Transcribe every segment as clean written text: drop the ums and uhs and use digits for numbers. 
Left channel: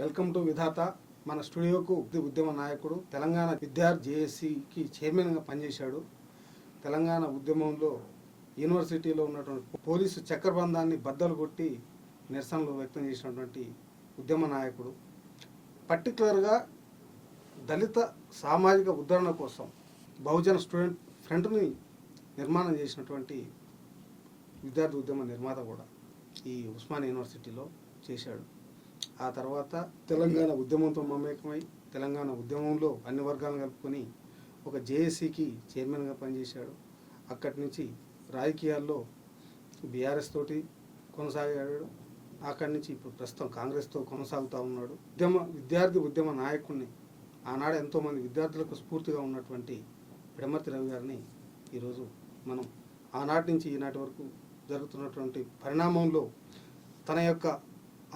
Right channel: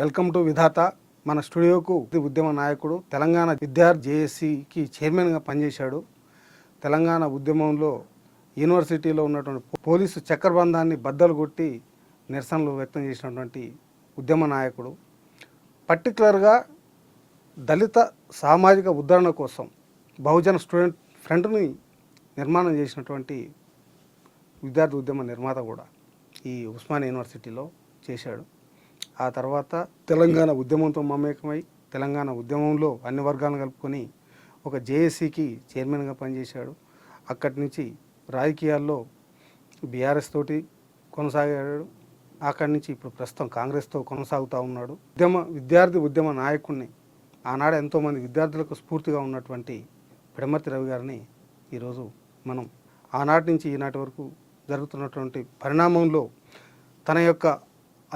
Welcome to విధాత. మన స్టూడియోకు ఉద్యమ నాయకుడు, తెలంగాణ విద్యార్థి జేఏసీకి చైర్మన్గా పనిచేశాడు. తెలంగాణ ఉద్యమంలో యూనివర్సిటీలో ఉన్నటువంటి పోలీసు చక్రబంధాన్ని బద్దలు కొట్టి నిరసనలు వ్యక్తం చేసినటువంటి ఉద్యమ నాయకుడు. పర్టికులర్గా దళిత సామాజిక ఉద్ధరణ కోసం బహుజన స్టూడెంట్ ఫ్రంట్ని నిర్మాణం చేసినటువంటి విద్యార్థి ఉద్యమ నిర్మాత కూడా ఈ ఉస్మానియా యూనివర్సిటీలో చేశాడు. ఆ తర్వాత తెలంగాణ ఉద్యమంతో మమేకమై తెలంగాణ ఉద్యమంలో అన్ని వర్గాలను కలుపుకొని ఒక జేఏసీకి చైర్మన్గా పనిచేశాడు. అక్కడి నుంచి రాజకీయాల్లో బీఆర్ఎస్ తోటి కొనసాగాడు. అక్కడి నుంచి ఇప్పుడు ప్రస్తుతం కాంగ్రెస్తో కొనసాగుతూ ఉన్నాడు. విద్యార్థి ఉద్యమ నాయకుడిని, ఆనాడు ఎంతోమంది విద్యార్థులకు స్ఫూర్తిగా ఉన్నటువంటి పిడమర్తి రవి గారిని ఈరోజు మనం ఆనాటి నుంచి ఈనాటి వరకు జరుగుతున్నటువంటి పరిణామంలో తన యొక్క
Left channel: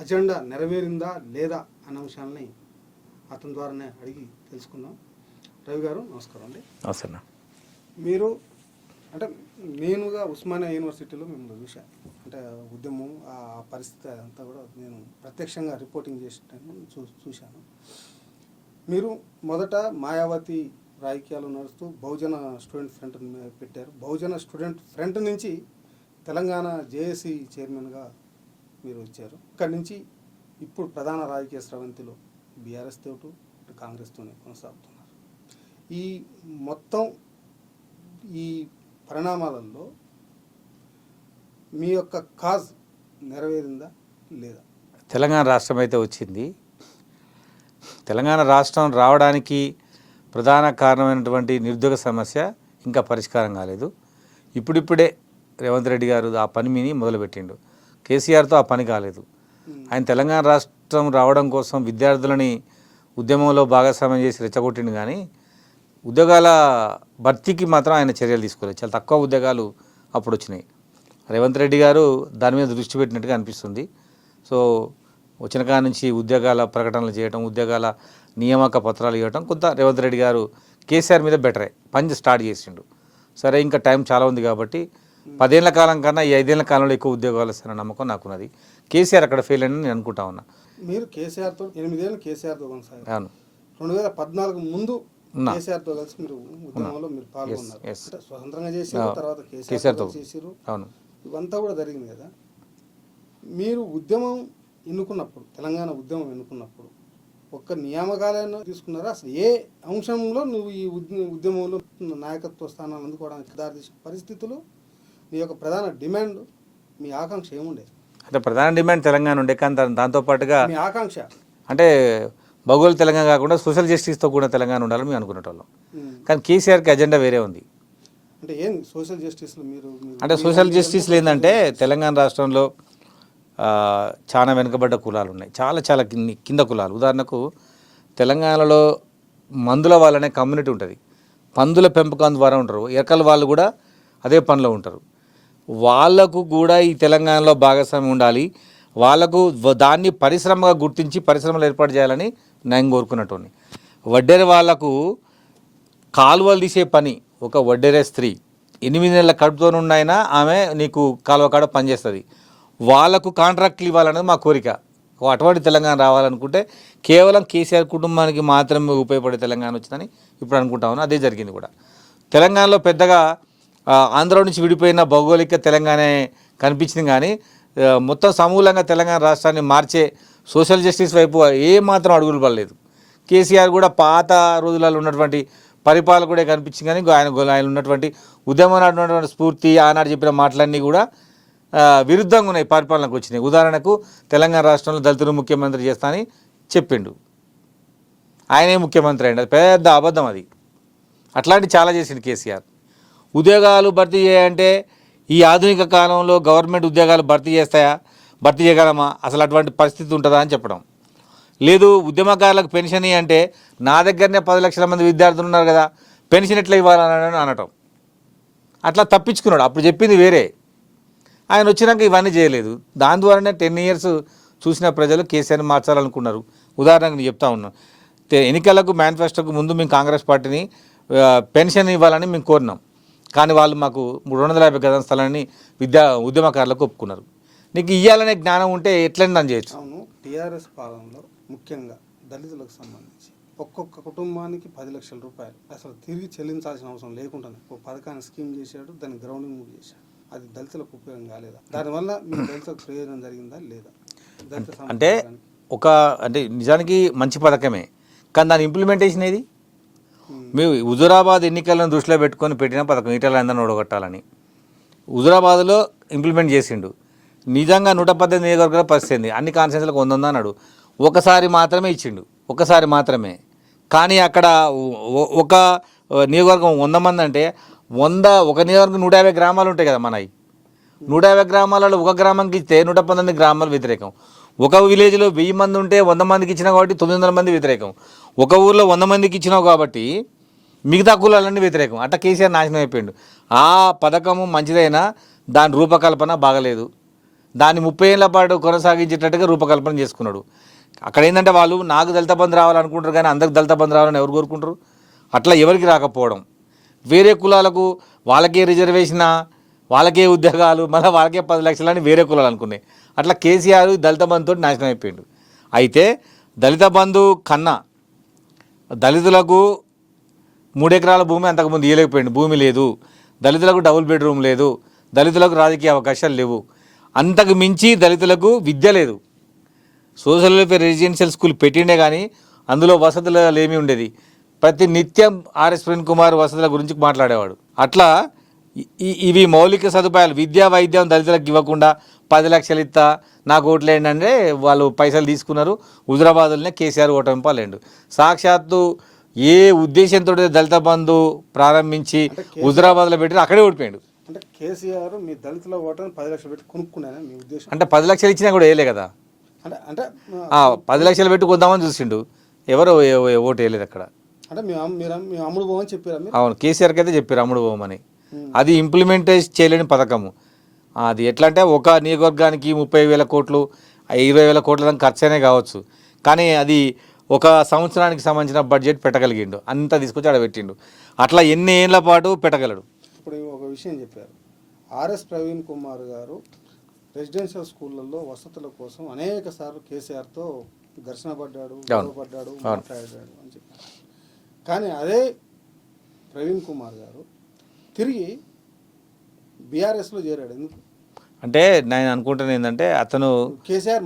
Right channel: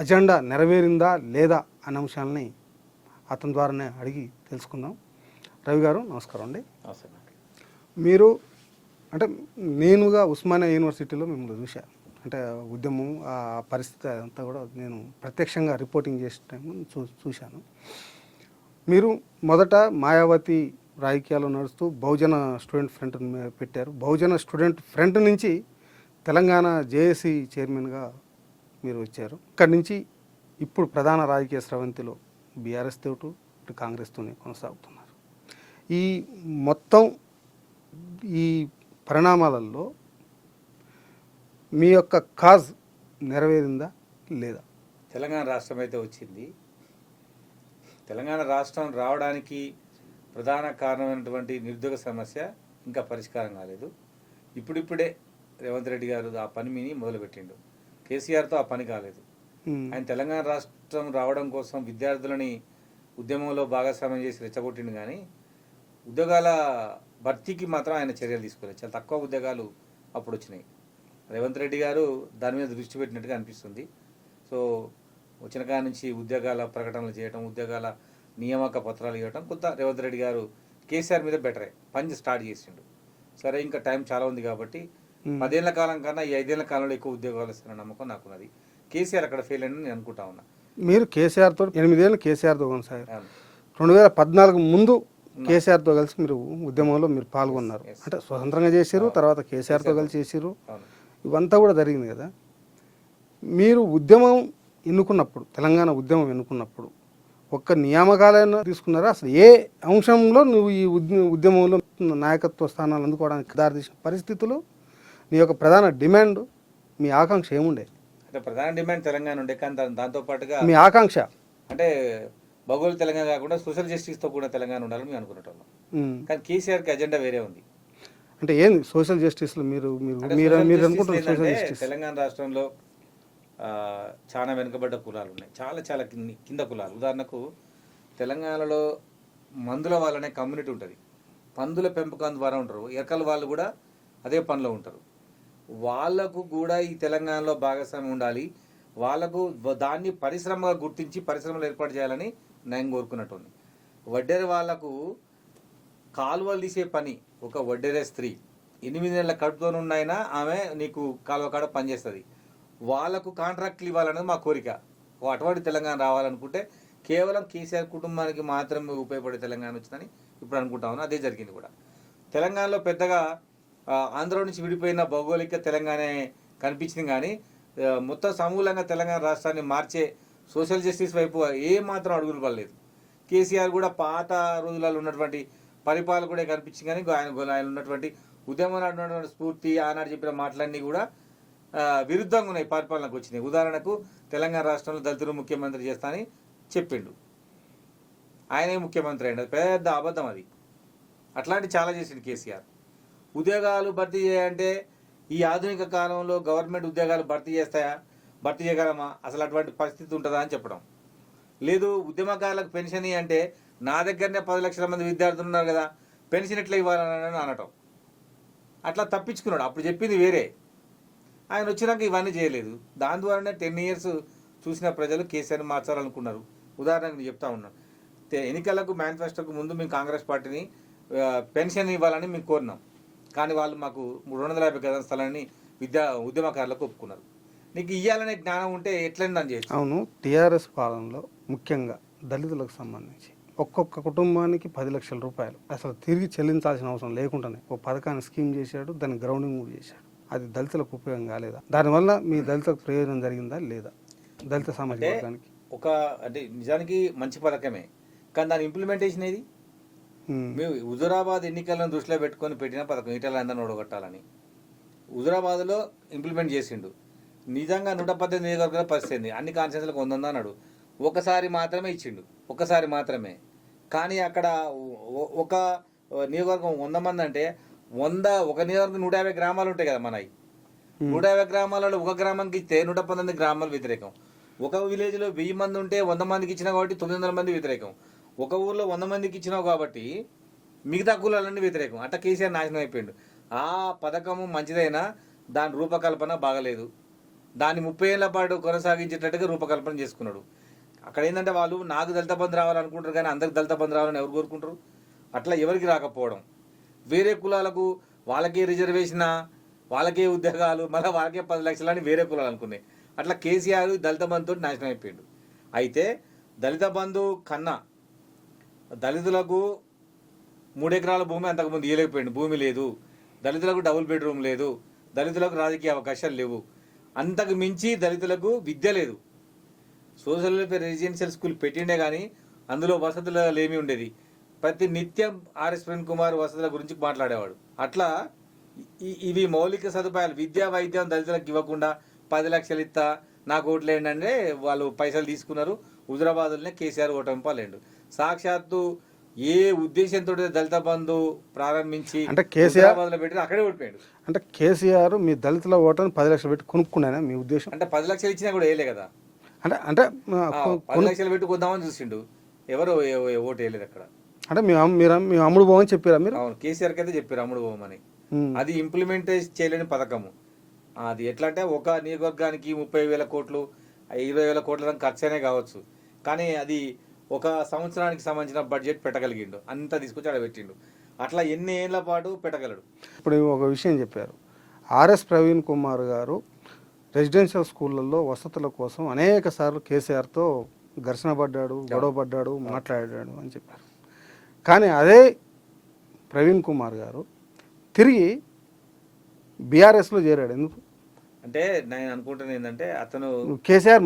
అజెండా నెరవేరిందా లేదా అనే అంశాలని అతని ద్వారానే అడిగి తెలుసుకుందాం. రవి గారు నమస్కారం అండి. నమస్తే. మీరు అంటే నేనుగా ఉస్మానియా యూనివర్సిటీలో మిమ్మల్ని చూశాను. అంటే ఉద్యమం ఆ పరిస్థితి అంతా కూడా నేను ప్రత్యక్షంగా రిపోర్టింగ్ చేసే టైం చూశాను. మీరు మొదట మాయావతి రాజకీయాలు నడుస్తూ బహుజన స్టూడెంట్ ఫ్రంట్ పెట్టారు. బహుజన స్టూడెంట్ ఫ్రంట్ నుంచి తెలంగాణ జేఏసీ చైర్మన్గా మీరు వచ్చారు. ఇక్కడి నుంచి ఇప్పుడు ప్రధాన రాజకీయ స్రవంతిలో బీఆర్ఎస్ తోటి ఇటు కాంగ్రెస్తోనే కొనసాగుతున్నారు. ఈ మొత్తం ఈ పరిణామాలలో మీ యొక్క కాజ్ నెరవేరిందా లేదా? తెలంగాణ రాష్ట్రం అయితే వచ్చింది. తెలంగాణ రాష్ట్రం రావడానికి ప్రధాన కారణమైనటువంటి నిరుద్యోగ సమస్య ఇంకా పరిష్కారం కాలేదు. ఇప్పుడిప్పుడే రేవంత్ రెడ్డి గారు ఆ పనిని మొదలుపెట్టిండు. కేసీఆర్తో ఆ పని కాలేదు. ఆయన తెలంగాణ రాష్ట్రం రావడం కోసం విద్యార్థులని ఉద్యమంలో భాగస్వామ్యం చేసి రెచ్చగొట్టిండు, కానీ ఉద్యోగాల భర్తీకి మాత్రం ఆయన చర్యలు తీసుకోలేదు. చాలా తక్కువ ఉద్యోగాలు అప్పుడు వచ్చినాయి. రేవంత్ రెడ్డి గారు దాని మీద దృష్టి పెట్టినట్టుగా అనిపిస్తుంది. సో వచ్చిన కాడ నుంచి ఉద్యోగాల ప్రకటనలు చేయడం, ఉద్యోగాల నియామక పత్రాలు ఇవ్వడం కొంత రేవంత్ రెడ్డి గారు కేసీఆర్ మీద బెటరే పని స్టార్ట్ చేసిండు. సరే ఇంకా టైం చాలా ఉంది కాబట్టి 10 ఏళ్ల కాలం కన్నా ఈ 5 ఏళ్ల కాలంలో ఎక్కువ ఉద్యోగాలు వస్తారన్న నమ్మకం నాకున్నది. కేసీఆర్ అక్కడ ఫెయిల్ అని నేను అనుకుంటా ఉన్నా. మీరు కేసీఆర్తో 8 ఏళ్ళు కేసీఆర్తో కొనసాగారు. 2014 ముందు కేసీఆర్తో కలిసి మీరు ఉద్యమంలో మీరు పాల్గొన్నారు. అంటే స్వతంత్రంగా చేసారు, తర్వాత కేసీఆర్తో కలిసి చేసారు. ఇవంతా కూడా జరిగింది కదా. మీరు ఉద్యమం ఎన్నుకున్నప్పుడు, తెలంగాణ ఉద్యమం ఎన్నుకున్నప్పుడు ఒక్క నియామకాలైనా తీసుకున్నారా? అసలు ఏ అంశంలో నువ్వు ఈ ఉద్యమంలో నాయకత్వ స్థానాలు అందుకోవడానికి దారితీసిన పరిస్థితులు, నీ యొక్క ప్రధాన డిమాండ్, మీ ఆకాంక్ష ఏముండే? అంటే ప్రధాన డిమాండ్ తెలంగాణ ఉండే, కానీ దాంతోపాటుగా మీ ఆకాంక్ష అంటే భౌగోళిక తెలంగాణ కాకుండా సోషల్ జస్టిస్తో కూడా తెలంగాణ ఉండాలని మేము అనుకునేటోళ్ళం. కానీ కేసీఆర్కి అజెండా వేరే ఉంది. అంటే ఏంది సోషల్ జస్టిస్లో? మీరు అంటే సోషల్ జస్టిస్లో ఏంటంటే తెలంగాణ రాష్ట్రంలో చాలా వెనుకబడ్డ కులాలు ఉన్నాయి, చాలా చాలా కింద కులాలు. ఉదాహరణకు తెలంగాణలో మందుల వాళ్ళనే కమ్యూనిటీ ఉంటుంది. పందుల పెంపకం ద్వారా ఉంటారు. ఎరకల వాళ్ళు కూడా అదే పనిలో ఉంటారు. వాళ్లకు కూడా ఈ తెలంగాణలో భాగస్వామ్యం ఉండాలి. వాళ్లకు దాన్ని పరిశ్రమగా గుర్తించి పరిశ్రమలు ఏర్పాటు చేయాలని నేను కోరుకున్నట్టు. వడ్డేరే వాళ్లకు కాలువలు తీసే పని, ఒక వడ్డేరే స్త్రీ 8 నెలల కడుపుతోనున్నైనా ఆమె నీకు కాలువ కాడ పనిచేస్తుంది. వాళ్లకు కాంట్రాక్ట్లు ఇవ్వాలనేది మా కోరిక. అటువంటి తెలంగాణ రావాలనుకుంటే కేవలం కేసీఆర్ కుటుంబానికి మాత్రమే ఉపయోగపడే తెలంగాణ వచ్చిందని ఇప్పుడు అనుకుంటా ఉన్నా. అదే జరిగింది కూడా. తెలంగాణలో పెద్దగా ఆంధ్ర నుంచి విడిపోయిన భౌగోళిక తెలంగాణ కనిపించింది, కానీ మొత్తం సమూలంగా తెలంగాణ రాష్ట్రాన్ని మార్చే సోషల్ జస్టిస్ వైపు ఏమాత్రం అడుగులు పడలేదు. కేసీఆర్ కూడా పాత రోజులలో ఉన్నటువంటి పరిపాలన కూడా కనిపించింది, కానీ ఆయన ఉన్నటువంటి ఉద్యమం ఉన్నటువంటి స్ఫూర్తి, ఆనాడు చెప్పిన మాటలన్నీ కూడా విరుద్ధంగా ఉన్నాయి, పరిపాలనకు వచ్చినాయి. ఉదాహరణకు తెలంగాణ రాష్ట్రంలో దళితులు ముఖ్యమంత్రి చేస్తా అని చెప్పిండు. ఆయనే ముఖ్యమంత్రి అయ్యిండు. అది పెద్ద అబద్ధం. అది అట్లాంటి చాలా చేసిండు కేసీఆర్. ఉద్యోగాలు భర్తీ చేయాలంటే ఈ ఆధునిక కాలంలో గవర్నమెంట్ ఉద్యోగాలు భర్తీ చేయగలమా? అసలు అటువంటి పరిస్థితి ఉంటుందా అని చెప్పడం లేదు. ఉద్యమకారులకు పెన్షన్ అంటే నా దగ్గరనే 10 లక్షల మంది విద్యార్థులు ఉన్నారు కదా, పెన్షన్ ఎట్లా ఇవ్వాలని అనటం. అట్లా తప్పించుకున్నాడు. అప్పుడు చెప్పింది వేరే, ఆయన వచ్చినాక ఇవన్నీ చేయలేదు. దాని ద్వారానే 10 years చూసిన ప్రజలు కేసీఆర్ని మార్చాలనుకున్నారు. ఉదాహరణకు నేను చెప్తా ఉన్నాను. ఎన్నికలకు మేనిఫెస్టోకు ముందు మేము కాంగ్రెస్ పార్టీని పెన్షన్ ఇవ్వాలని మేము కోరినాం, కానీ వాళ్ళు మాకు 250 గజాల స్థలాన్ని ఉద్యమకారులకు ఒప్పుకున్నారు. నీకు ఇవ్వాలనే జ్ఞానం ఉంటే ఎట్లయినా నన్ను చేయొచ్చు. అవును, టీఆర్ఎస్ పాలనలో ముఖ్యంగా దళితులకు సంబంధించి ఒక్కొక్క కుటుంబానికి 10 లక్షల రూపాయలు అసలు తిరిగి చెల్లించాల్సిన అవసరం లేకుండానే ఒక పథకాన్ని స్కీమ్ చేశాడు, దాన్ని గ్రౌండింగ్ కూడా చేశాడు. అది దళితులకు ఉపయోగం కాలేదా? దానివల్ల మీ దళితులకు ప్రయోజనం జరిగిందా లేదా? దళిత అంటే సమాజానికి అంటే నిజానికి మంచి పథకమే, కానీ దాని ఇంప్లిమెంటేషన్ ఏది? మేము హుజూరాబాద్ ఎన్నికలను దృష్టిలో పెట్టుకొని పెట్టిన పథకం ఈటల అందరిని ఓడగొట్టాలని హుజూరాబాద్లో ఇంప్లిమెంట్ చేసిండు. నిజంగా 118 నియోజకవర్గాల పరిస్థితి అన్ని కాన్స్టిట్యూన్సీలకు 100 అన్నాడు. ఒకసారి మాత్రమే ఇచ్చిండు, ఒకసారి మాత్రమే. కానీ అక్కడ ఒక నియోజకవర్గం 100 మంది అంటే ఒక నియోజకవర్గం 150 గ్రామాలు ఉంటాయి కదా మనవి. 150 గ్రామాలలో ఒక గ్రామానికి ఇస్తే 119 గ్రామాలు వ్యతిరేకం. ఒక విలేజ్లో 1000 మంది ఉంటే 100 మందికి ఇచ్చినావు కాబట్టి 900 మంది వ్యతిరేకం. ఒక ఊర్లో 100 మందికి ఇచ్చినావు కాబట్టి మిగతా కులాలన్నీ వ్యతిరేకం. అట్లా కేసీఆర్ నాశనం అయిపోయిండు. ఆ పథకము మంచిదైనా దాని రూపకల్పన బాగలేదు. దాన్ని 30 ఏళ్ల పాటు కొనసాగించేటట్టుగా రూపకల్పన చేసుకున్నాడు. అక్కడ ఏంటంటే వాళ్ళు నాకు దళిత బంధు రావాలనుకుంటారు, కానీ అందరికి దళిత బంధు రావాలని ఎవరు కోరుకుంటారు? అట్లా ఎవరికి రాకపోవడం, వేరే కులాలకు వాళ్ళకే రిజర్వేషనా, వాళ్ళకే ఉద్యోగాలు, మళ్ళీ వాళ్ళకే 10 లక్షలని వేరే కులాలు అనుకున్నాయి. అట్లా కేసీఆర్ దళిత బంధుతో నాశనం అయిపోయాడు. అయితే దళిత బంధు కన్నా దళితులకు 3 ఎకరాల భూమి అంతకుముందు ఇవ్వలేకపోయాడు. భూమి లేదు, దళితులకు డబుల్ బెడ్రూమ్ లేదు, దళితులకు రాజకీయ అవకాశాలు లేవు. అంతకు మించి దళితులకు విద్య లేదు. సోషల్ వెల్ఫేర్ రెసిడెన్షియల్ స్కూల్ పెట్టిండే కానీ అందులో వసతులు ఏమీ ఉండేది. ప్రతి నిత్యం ఆర్ఎస్ ప్రవీణ్ కుమార్ వసతుల గురించి మాట్లాడేవాడు. అట్లా ఇవి మౌలిక సదుపాయాలు, విద్యా వైద్యం దళితులకు ఇవ్వకుండా 10 లక్షలు ఇస్తా నాకు ఓట్లు ఏంటంటే వాళ్ళు పైసలు తీసుకున్నారు. హుజూరాబాద్లోనే కేసీఆర్ ఓటమి పాలేండు. సాక్షాత్తు ఏ ఉద్దేశంతో దళిత బంధు ప్రారంభించి హుజూరాబాద్లో పెట్టి అక్కడే ఓడిపోయాడు. అంటే కేసీఆర్ మీ దళితుల ఓటర్ని 10 లక్షలు పెట్టి కొనుక్కున్నానా మీ ఉద్దేశం? అంటే 10 లక్షలు ఇచ్చినా కూడా వేయలే కదా. అంటే అంటే 10 లక్షలు పెట్టి కొందామని చూసిండు, ఎవరు ఓటు వేయలేదు అక్కడ. అంటే మేము అమ్ముడు పోవని చెప్పారా మీరు? అవును, కేసీఆర్కి అయితే చెప్పారు అమ్ముడు పోమని. అది ఇంప్లిమెంట్ చేయలేని పథకము. అది ఎట్లా అంటే ఒక నియోజకవర్గానికి 30,000 కోట్లు 20,000 కోట్ల దాకా ఖర్చు అయినా కావచ్చు, కానీ అది ఒక సంవత్సరానికి సంబంధించిన బడ్జెట్ పెట్టగలిగిండు. అంతా తీసుకొచ్చి ఆడ పెట్టిండు. అట్లా ఎన్ని ఏళ్ల పాటు పెట్టగలడు. ఇప్పుడు ఒక విషయం చెప్పారు, ఆర్ఎస్ ప్రవీణ్ కుమార్ గారు రెసిడెన్షియల్ స్కూళ్ళల్లో వసతుల కోసం అనేక సార్లు కేసీఆర్తో ఘర్షణ పడ్డాడు, గొడవ పడ్డాడు, మాట్లాడాడు అని చెప్పారు. కానీ అదే ప్రవీణ్ కుమార్ గారు తిరిగి బీఆర్ఎస్లో చేరాడు. ఎందుకు అంటే నేను అనుకుంటున్నాను ఏంటంటే అతను కేసీఆర్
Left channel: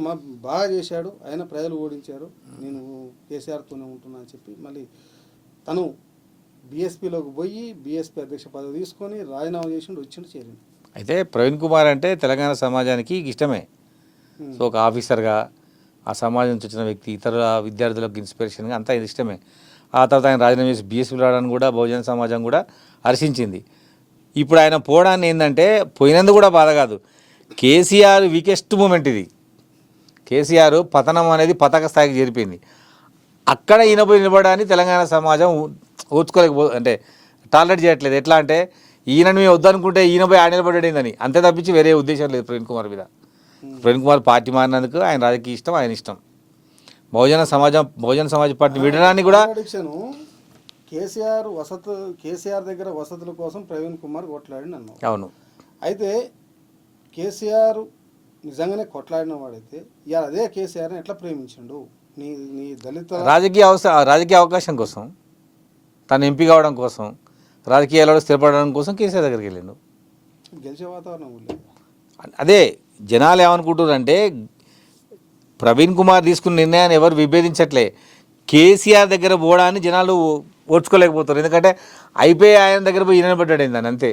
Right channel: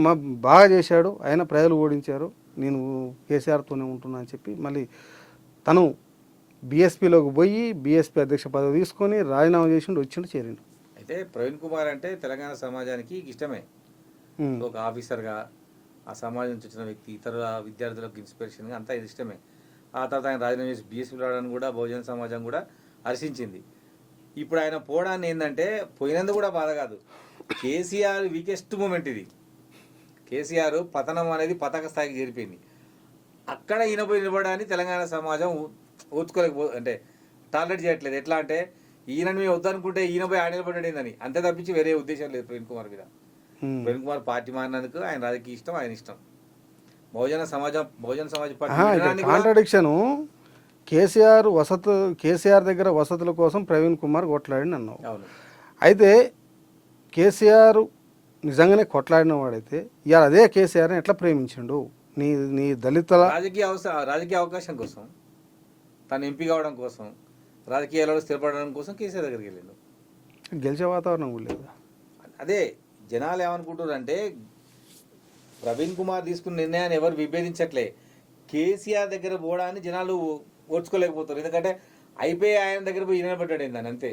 బాగా చేశాడు, ఆయన ప్రజలు ఓడించారు, నేను కేసీఆర్తోనే ఉంటున్నా అని చెప్పి మళ్ళీ తను బీఎస్పీలోకి పోయి బీఎస్పీ అధ్యక్ష పదవి తీసుకొని రాజీనామా చేసిండు, వచ్చిండు, చేరిండు. అయితే ప్రవీణ్ కుమార్ అంటే తెలంగాణ సమాజానికి ఇష్టమే. సో ఒక ఆఫీసర్గా ఆ సమాజం నుంచి వచ్చిన వ్యక్తి, ఇతర విద్యార్థులకు ఇన్స్పిరేషన్గా అంతా ఇష్టమే. ఆ తర్వాత ఆయన రాజీనామా చేసి బీఎస్పీ రావడానికి కూడా బహుజన సమాజం కూడా హర్షించింది. ఇప్పుడు ఆయన పోవడాన్ని ఏంటంటే పోయినందుకు కూడా బాధ కాదు, కేసీఆర్ వీకెస్ట్ మూమెంట్ ఇది. కేసీఆర్ పతనం అనేది పతాక స్థాయికి చేరిపోయింది. అక్కడ ఈయన పోయి నిలబడడానికి తెలంగాణ సమాజం అంటే టాలరేట్ చేయట్లేదు. ఎట్లా అంటే ఈయనను మేము వద్దనుకుంటే ఈయన పోయి ఆయన నిలబడేదని, అంతే తప్పించి వేరే ఉద్దేశం లేదు ప్రవీణ్ కుమార్ మీద. ప్రవీణ్ కుమార్ పార్టీ మారినందుకు ఆయన రాజకీయ ఇష్టం, ఆయన ఇష్టం. బహుజన సమాజ్ పార్టీ విడడానికి కూడా కేసీఆర్ దగ్గర వసతుల కోసం ప్రవీణ్ కుమార్ కొట్లాడిన అన్నావు. అవును. అయితే కేసీఆర్ నిజంగానే కొట్లాడిన వాడైతే ఇవాళ అదే కేసీఆర్ని ఎట్లా ప్రేమించిండు? నీ దళిత రాజకీయ అవకాశం కోసం, తను ఎంపీ కావడం కోసం, రాజకీయాలలో స్థిరపడడం కోసం కేసీఆర్ దగ్గరికి వెళ్ళిండు. గెలిచే వాతావరణం లేదు. అదే జనాలు ఏమనుకుంటున్నారంటే ప్రవీణ్ కుమార్ తీసుకున్న నిర్ణయాన్ని ఎవరు విభేదించట్లే, కేసీఆర్ దగ్గర పోవడాన్ని జనాలు ఓర్చుకోలేకపోతారు. ఎందుకంటే అయిపోయి ఆయన దగ్గర పోయి ఈయన పడ్డాడు దాన్ని, అంతే.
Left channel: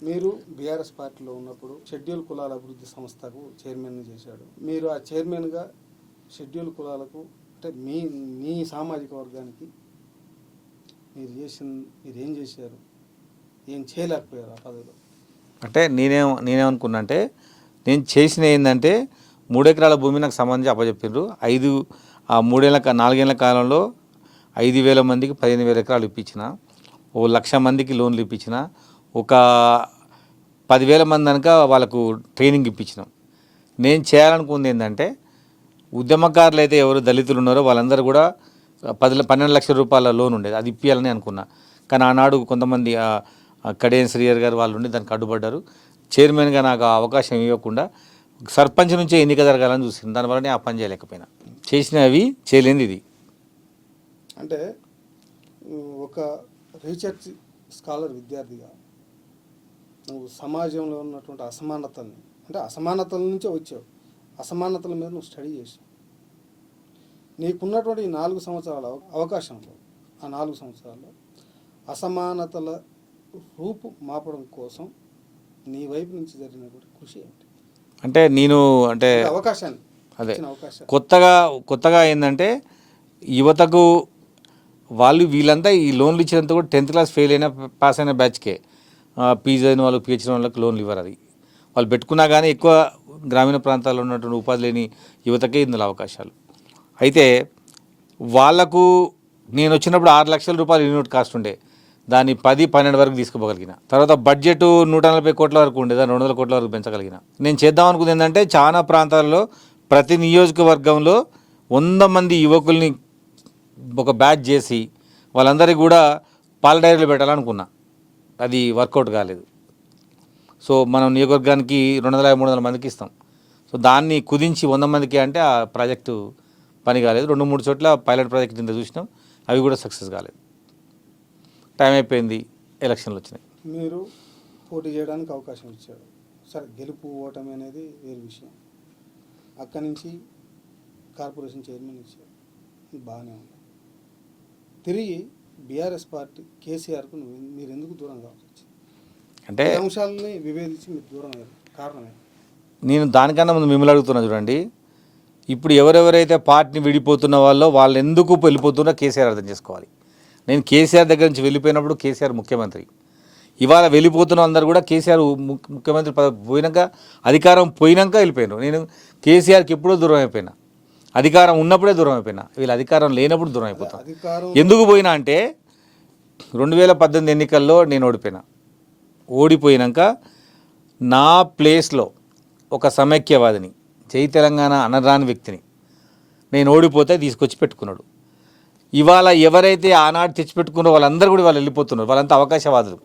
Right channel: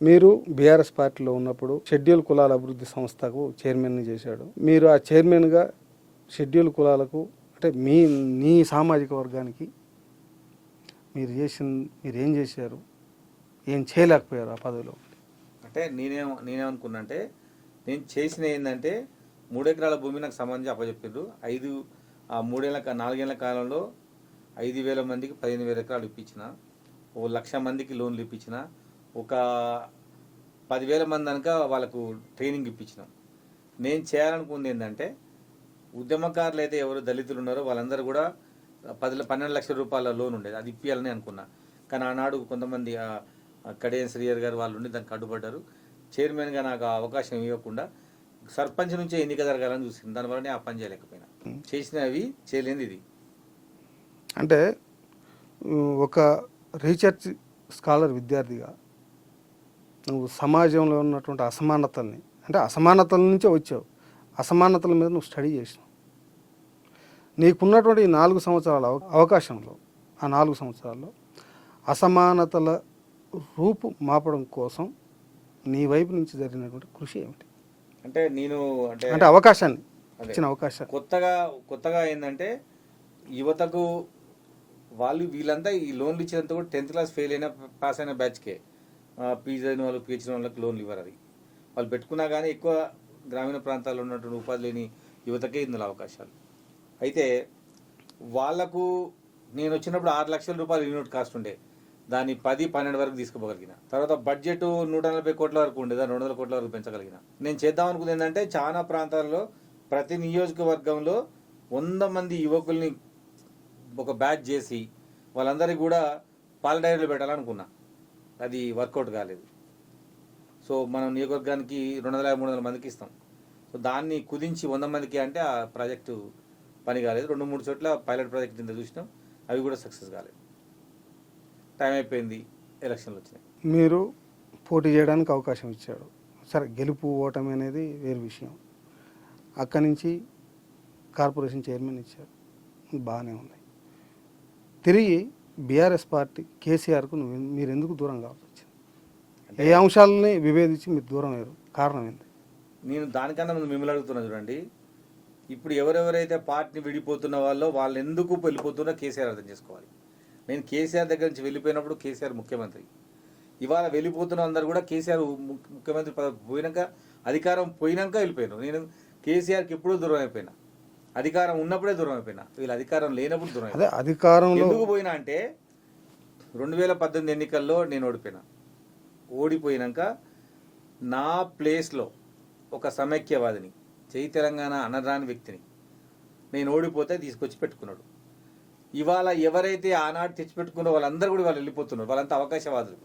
మీరు బీఆర్ఎస్ పార్టీలో ఉన్నప్పుడు షెడ్యూల్ కులాల అభివృద్ధి సంస్థకు చైర్మన్ని చేశాడు. మీరు ఆ చైర్మన్గా షెడ్యూల్ కులాలకు అంటే నీ సామాజిక వర్గానికి మీరు ఏం చేశారు, ఏం చేయలేకపోయారు ఆ పదవిలో? అంటే నేనేమనుకున్నా అంటే నేను చేసిన ఏంటంటే 3 ఎకరాల భూమి నాకు సంబంధించి అప్పచెప్పిండ్రు. 4 ఏళ్ల కాలంలో 5,000 మందికి 15,000 ఎకరాలు ఇప్పించిన, 1,00,000 మందికి లోన్లు ఇప్పించిన, ఒక 10,000 మంది కనుక వాళ్ళకు ట్రైనింగ్ ఇప్పించినాం. నేను చేయాలనుకుంది ఏంటంటే ఉద్యమకారులు అయితే ఎవరు దళితులు ఉన్నారో వాళ్ళందరూ కూడా 12 లక్షల రూపాయల లోన్ ఉండేది, అది ఇప్పించాలని అనుకున్నా. కానీ ఆనాడు కొంతమంది కడియం శ్రీయర్ గారు వాళ్ళు ఉండి దానికి అడ్డుపడ్డారు. చైర్మన్గా నాకు అవకాశం ఇవ్వకుండా సర్పంచ్ నుంచే ఎన్నిక జరగాలని చూసింది, దానివల్ల నేను ఆ పని చేయలేకపోయినా. చేసినవి చేయలేనిది ఇది. అంటే ఒక రీసెర్చ్ స్కాలర్ విద్యార్థిగా నువ్వు సమాజంలో ఉన్నటువంటి అసమానతల్ని, అంటే అసమానతల నుంచే వచ్చావు, అసమానతల మీద నువ్వు స్టడీ చేసినావు. నీకున్నటువంటి ఈ 4 సంవత్సరాల అవకాశంలో, ఆ 4 సంవత్సరాల్లో అసమానతల రూపు మాపడం కోసం నీ వైపు నుంచి జరిగినటువంటి కృషి ఏమిటి? అంటే నేను అంటే అవకాశాన్ని అదే ఇచ్చిన అవకాశం కొత్తగా ఏంటంటే యువతకు వీళ్ళంతా ఈ లోన్లు ఇచ్చినంత కూడా 10th క్లాస్ ఫెయిల్ అయినా పాస్ అయిన బ్యాచ్కే పీజీ అయిన వాళ్ళు పిహెచ్డీ వాళ్ళకి లోన్లు ఇవ్వరు. అది వాళ్ళు పెట్టుకున్నా కానీ ఎక్కువ గ్రామీణ ప్రాంతాల్లో ఉన్నటువంటి ఉపాధి లేని యువతకే ఇందులో అవకాశాలు. అయితే వాళ్లకు నేను వచ్చినప్పుడు 6 లక్షల రూపాయలు యూనిట్ కాస్ట్ ఉండే, దాన్ని 10-12 వరకు తీసుకుపోగలిగిన. తర్వాత బడ్జెట్ 140 కోట్ల వరకు ఉండే, దాన్ని 200 కోట్ల వరకు పెంచగలిగిన. నేను చేద్దాం అనుకుంది ఏంటంటే చాలా ప్రాంతాల్లో ప్రతి నియోజకవర్గంలో 100 మంది యువకుల్ని ఒక బ్యాచ్ చేసి వాళ్ళందరికీ కూడా పాల డైరీలు పెట్టాలనుకున్నా. అది వర్కౌట్ కాలేదు. సో మనం నియోజకవర్గానికి 250-300 మందికి ఇస్తాం. సో దాన్ని కుదించి 100 మందికి అంటే ఆ ప్రాజెక్టు పని కాలేదు. 2-3 చోట్ల పైలట్ ప్రాజెక్ట్ కింద చూసినాం, అవి కూడా సక్సెస్ కాలేదు. టైం అయిపోయింది, ఎలక్షన్లు వచ్చినాయి. మీరు పోటీ చేయడానికి అవకాశం ఇచ్చాడు, సరే గెలుపు ఓటమి అనేది వేరే విషయం. అక్కడి నుంచి కార్పొరేషన్ చైర్మన్ ఇచ్చారు, బాగానే ఉన్నాయి. తిరిగి బీఆర్ఎస్ పార్టీ కేసీఆర్కు మీరు ఎందుకు దూరం కావాల్సి వచ్చింది? అంటే ఈ అంశాలని విభేదించి మీరు దూరం అయ్యారు, కారణం ఏంటి? నేను దానికన్నా ముందు మిమ్మల్ని అడుగుతున్నా చూడండి. ఇప్పుడు ఎవరెవరైతే పార్టీని విడిపోతున్న వాళ్ళు ఎందుకు వెళ్ళిపోతున్నా కేసీఆర్ అర్థం చేసుకోవాలి. నేను కేసీఆర్ దగ్గర నుంచి వెళ్ళిపోయినప్పుడు కేసీఆర్ ముఖ్యమంత్రి, ఇవాళ వెళ్ళిపోతున్న అందరూ కూడా కేసీఆర్ ముఖ్యమంత్రి పోయినాక, అధికారం పోయినాక వెళ్ళిపోయినారు. నేను కేసీఆర్కి ఎప్పుడూ దూరం అయిపోయినా, అధికారం ఉన్నప్పుడే దూరం అయిపోయినా, వీళ్ళ అధికారం లేనప్పుడు దూరం అయిపోయినా. అధికారం ఎందుకు పోయినా అంటే 2018 ఎన్నికల్లో నేను ఓడిపోయినాక నా ప్లేస్లో ఒక సమైక్యవాదిని, జై తెలంగాణ అనరాని వ్యక్తిని నేను ఓడిపోతే తీసుకొచ్చి పెట్టుకున్నాడు. ఇవాళ ఎవరైతే ఆనాడు తెచ్చిపెట్టుకున్నారో వాళ్ళందరూ కూడా వాళ్ళు వెళ్ళిపోతున్నారు, వాళ్ళంతా అవకాశవాదులు.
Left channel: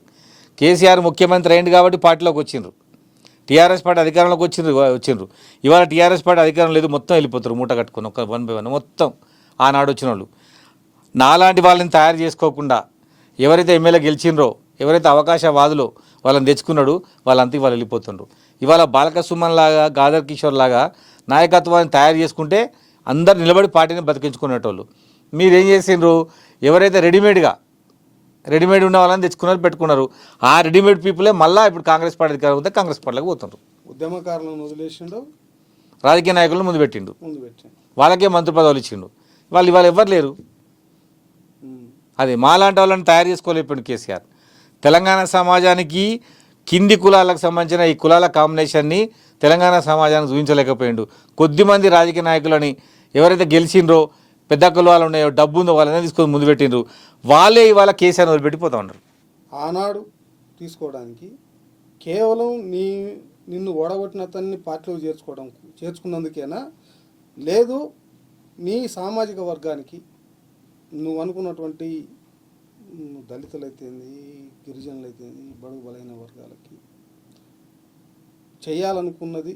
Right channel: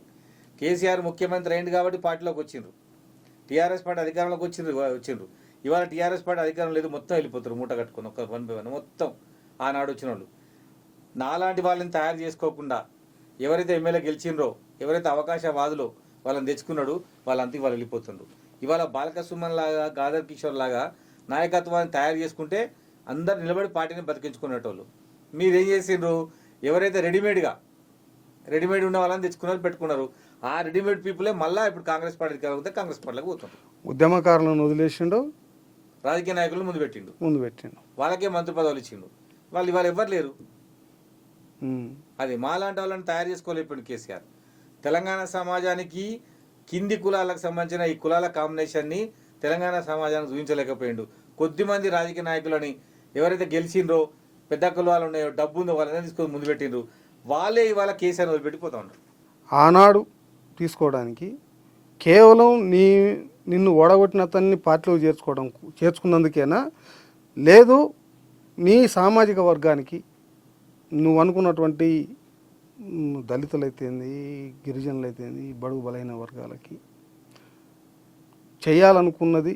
కేసీఆర్ ముఖ్యమంత్రి అయింది కాబట్టి పార్టీలోకి వచ్చిండ్రు, టీఆర్ఎస్ పార్టీ అధికారంలోకి వచ్చిండ్రు. ఇవాళ టీఆర్ఎస్ పార్టీ అధికారం లేదు, మొత్తం వెళ్ళిపోతారు మూట కట్టుకుని, ఒక 1 by 1 మొత్తం ఆనాడు వచ్చిన వాళ్ళు. నాలాంటి వాళ్ళని తయారు చేసుకోకుండా ఎవరైతే ఎమ్మెల్యే గెలిచిండ్రో, ఎవరైతే అవకాశవాదులో వాళ్ళని తెచ్చుకున్నాడు, వాళ్ళంతా వాళ్ళు వెళ్ళిపోతుండ్రు. ఇవాళ బాలక సుమన్ లాగా, గాదర్ కిషోర్ లాగా నాయకత్వాన్ని తయారు చేసుకుంటే అందరు నిలబడి పార్టీని బతికించుకునేటోళ్ళు. మీరేం చేసిండ్రు? ఎవరైతే రెడీమేడ్ ఉన్న వాళ్ళని తెచ్చుకున్నారు, పెట్టుకున్నారు. ఆ రెడీమేడ్ పీపులే మళ్ళీ ఇప్పుడు కాంగ్రెస్ పార్టీ అధికారం ఉంటే కాంగ్రెస్ పార్టీలోకి పోతుండ్రు. ఉద్యమకారులను వదిలేసిండు, రాజకీయ నాయకులను ముందు పెట్టిండు, వాళ్ళకే మంత్రి పదవులు ఇచ్చిండు. వాళ్ళు ఇవాళ ఎవ్వరు లేరు. అది మాలాంటి వాళ్ళని తయారు చేసుకోలేకపోయింది కేసీఆర్. తెలంగాణ సమాజానికి కింది కులాలకు సంబంధించిన ఈ కులాల కాంబినేషన్ని తెలంగాణ సమాజానికి చూపించలేకపోయిండు. కొద్దిమంది రాజకీయ నాయకులని ఎవరైతే గెలిచిండ్రో, పెద్ద కులాలు ఉన్నాయో, డబ్బు ఉందో వాళ్ళని తీసుకొని ముందు పెట్టిండ్రు. వాళ్ళే ఇవాళ కేసీఆర్ వదిలిపెట్టిపోతూ ఉన్నారు. ఆనాడు తీసుకోవడానికి కేవలం నిన్ను ఓడగొట్టిన అతన్ని పార్టీలో చేర్చుకున్నందుకేనా, లేదు నీ సామాజిక వర్గానికి నువ్వు అనుకున్నటువంటి దళితులైతేంది, గిరిజనులైతేంది, బడుగు బలైన వర్గాలకి చేయాలనుకున్నది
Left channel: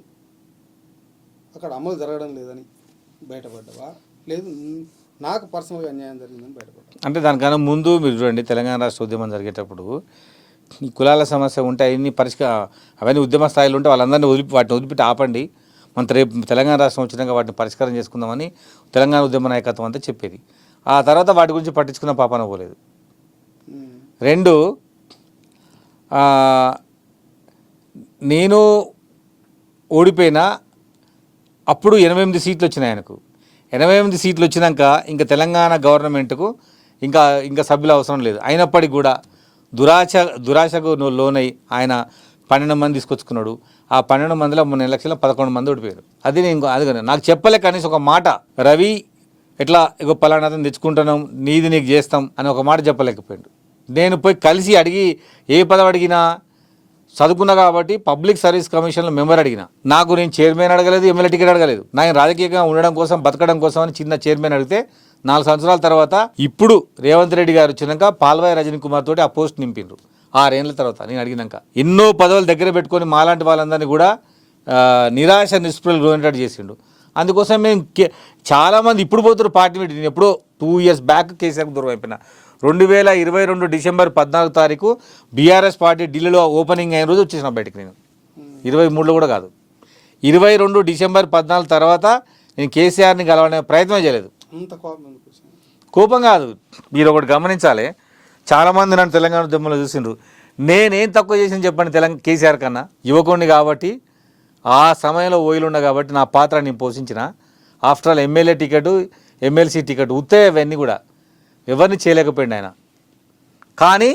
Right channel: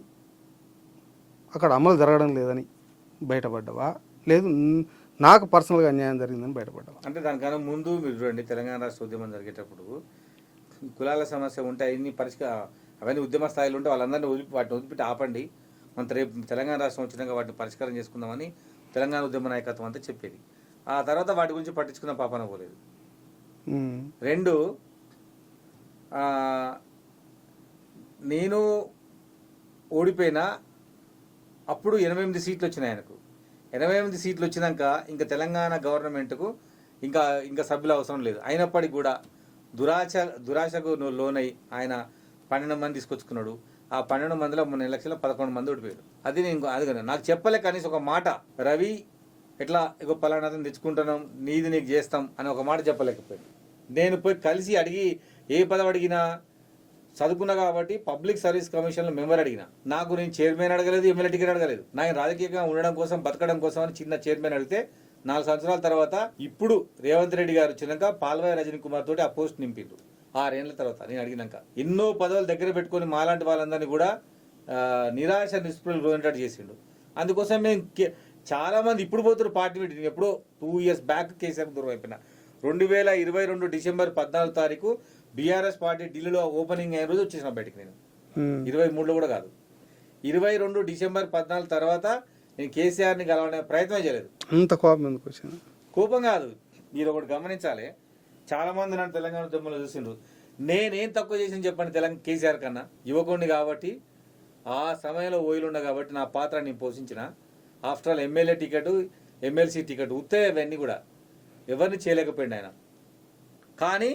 అక్కడ అమలు జరగడం లేదని బయటపడ్డావా, లేదు నాకు పర్సనల్గా అన్యాయం జరిగిందని బయటపడ్డావా? అంటే దానికన్నా ముందు మీరు చూడండి, తెలంగాణ రాష్ట్ర ఉద్యమం జరిగేటప్పుడు ఈ కులాల సమస్య ఉంటే అవన్నీ ఉద్యమ స్థాయిలో ఉంటే వాళ్ళందరినీ వాటిని వదిలిపెట్టి ఆపండి, మన రేపు తెలంగాణ రాష్ట్రం వచ్చినాక వాటిని పరిష్కారం చేసుకుందామని తెలంగాణ ఉద్యమ నాయకత్వం అంతా చెప్పేది. ఆ తర్వాత వాటి గురించి పట్టించుకున్న పాపన పోలేదు. 2, నేను ఓడిపోయినా అప్పుడు 88 సీట్లు వచ్చినాయి ఆయనకు. 88 సీట్లు వచ్చినాక ఇంకా తెలంగాణ గవర్నమెంట్కు ఇంకా సభ్యులు అవసరం లేదు. అయినప్పటికీ కూడా దురాశకు లోనై ఆయన 12 మంది తీసుకొచ్చుకున్నాడు. ఆ 12 మందిలో 3 ఎలక్షన్లో 11 మంది ఓడిపోయారు. అది నాకు చెప్పలే కనీసం ఒక మాట, రవి ఎట్లా ఇగో పలానాథం తెచ్చుకుంటున్నాం, నీది నీకు చేస్తాం అని ఒక మాట చెప్పలేకపోయాడు. నేను పోయి కలిసి అడిగి ఏ పదవి అడిగినా చదువుకున్నా కాబట్టి పబ్లిక్ సర్వీస్ కమిషన్లో మెంబర్ అడిగిన. నాకు నేను చైర్మన్ అడగలేదు, ఎమ్మెల్యే టికెట్ అడగలేదు. నేను రాజకీయంగా ఉండడం కోసం, బతకడం కోసం అని చిన్న చైర్మన్ అడిగితే 4 సంవత్సరాల తర్వాత ఇప్పుడు రేవంత్ రెడ్డి గారు వచ్చినాక పాల్వాయి రజనీ కుమార్ తోటి ఆ పోస్ట్ నింపిండ్రు. 6 ఏళ్ళ తర్వాత నేను అడిగినాక ఎన్నో పదవులు దగ్గర పెట్టుకొని మాలాంటి వాళ్ళందరినీ కూడా నిరాశ నిస్పృహలు గురేటట్టు చేసిండు. అందుకోసం మేము చాలామంది ఇప్పుడు పోతారు పార్టీ పెట్టి. నేను ఎప్పుడో 2 years బ్యాక్ కేసీఆర్కి దూరం అయిపోయినా. 2022 డిసెంబర్ 14 తారీఖు బీఆర్ఎస్ పార్టీ ఢిల్లీలో ఓపెనింగ్ అయిన రోజు వచ్చేసిన బయటికి నేను. 23లో కూడా కాదు, 22 డిసెంబర్ 14 తర్వాత నేను కేసీఆర్ని కలవనే ప్రయత్నం చేయలేదు. అంత కోపం ఎందుకు వచ్చింది? కోపం కాదు, మీరు ఒకటి గమనించాలి. చాలామంది నన్ను తెలంగాణ ఉద్యమంలో చూసిండ్రు. నేనేం తక్కువ చేసిన చెప్పండి కేసీఆర్ కన్నా? యువకుడిని కాబట్టి, ఆ సమయంలో ఓయిలుండ కాబట్టి నా పాత్ర నేను పోషించిన. After all MLA ticket, MLC ticket ఉత్తే అవన్నీ కూడా ఎవరిని చేయలేకపోయింది ఆయన. కానీ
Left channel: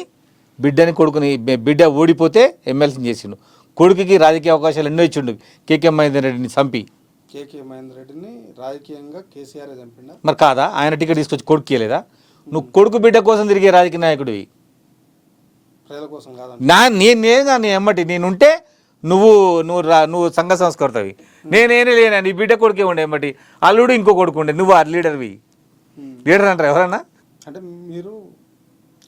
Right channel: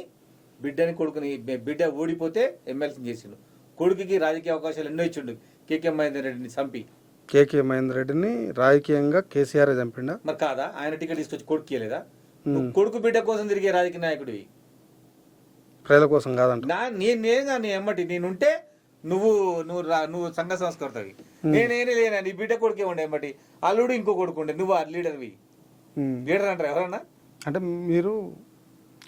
కొడుకుని బిడ్డ ఓడిపోతే ఎమ్మెల్సీని చేసిండు. కొడుకుకి రాజకీయ అవకాశాలు ఎన్నో ఇచ్చిండు. కేకే మహేందర్ రెడ్డిని చంపి. కేకే మహేందర్ రెడ్డిని రాజకీయంగా కేసీఆర్ చంపిండా? మరి కాదా? ఆయన టికెట్ తీసుకొచ్చి కొడుకు ఇవ్వలేదా? నువ్వు కొడుకు బిడ్డ కోసం తిరిగే రాజకీయ నాయకుడివి, ప్రజల కోసం కాదంట. నేను ఎమ్మటి నేనుంటే నువ్వు సంఘ సంస్కర్తవి. నేనేనే లేనా, నీ బిడ్డ కొడుకే ఉండే ఎమ్మటి. అల్లుడు ఇంకో కొడుకు ఉండే, నువ్వు ఆ లీడర్వి. లీడర్ అంటారు ఎవరన్నా? అంటే మీరు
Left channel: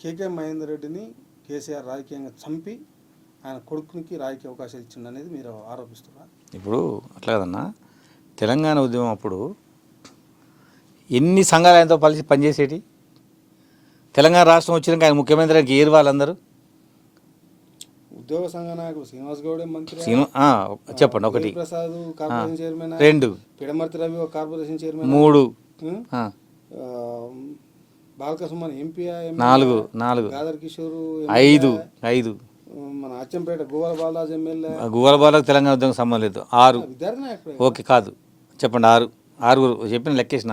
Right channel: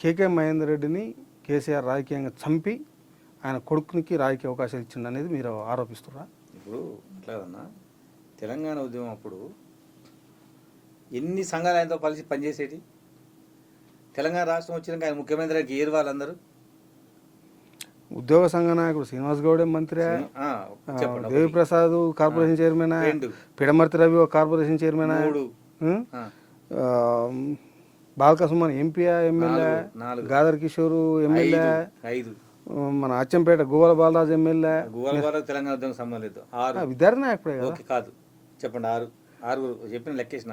కేకే మహేందర్ రెడ్డిని కేసీఆర్ రాజకీయంగా చంపి ఆయన కొడుకునికి రాజకీయ అవకాశాలు ఇచ్చిండు అనేది మీరు ఆరోపిస్తున్నారా? ఇప్పుడు అట్లా కదన్నా, తెలంగాణ ఉద్యమం అప్పుడు ఎన్ని సంఘాలు ఆయనతో కలిసి పనిచేసేటి. తెలంగాణ రాష్ట్రం వచ్చినాక ఆయన ముఖ్యమంత్రికి ఏరు వాళ్ళందరూ. ఉద్యోగ సంఘ నాయకుడు శ్రీనివాస్ గౌడే మంత్రి, చెప్పండి. ఒకటి ప్రసాద్ కార్పొరేషన్ చైర్మన్, 2 పిడమర్తి రవి ఒక corporation chairman, 3 Balkasuman MP, 4 Gaddar Kishore 5 మన అచ్చంపేట గువ్వల బాలరాజు ఎమ్మెల్యే. గువ్వల బాలకు తెలంగాణ ఉద్యమం సంబంధం లేదు. 6 విద్యార్థి నాయకుడు. ఓకే కాదు, చెప్పండి. 6 చెప్పిన లెక్కేసిన.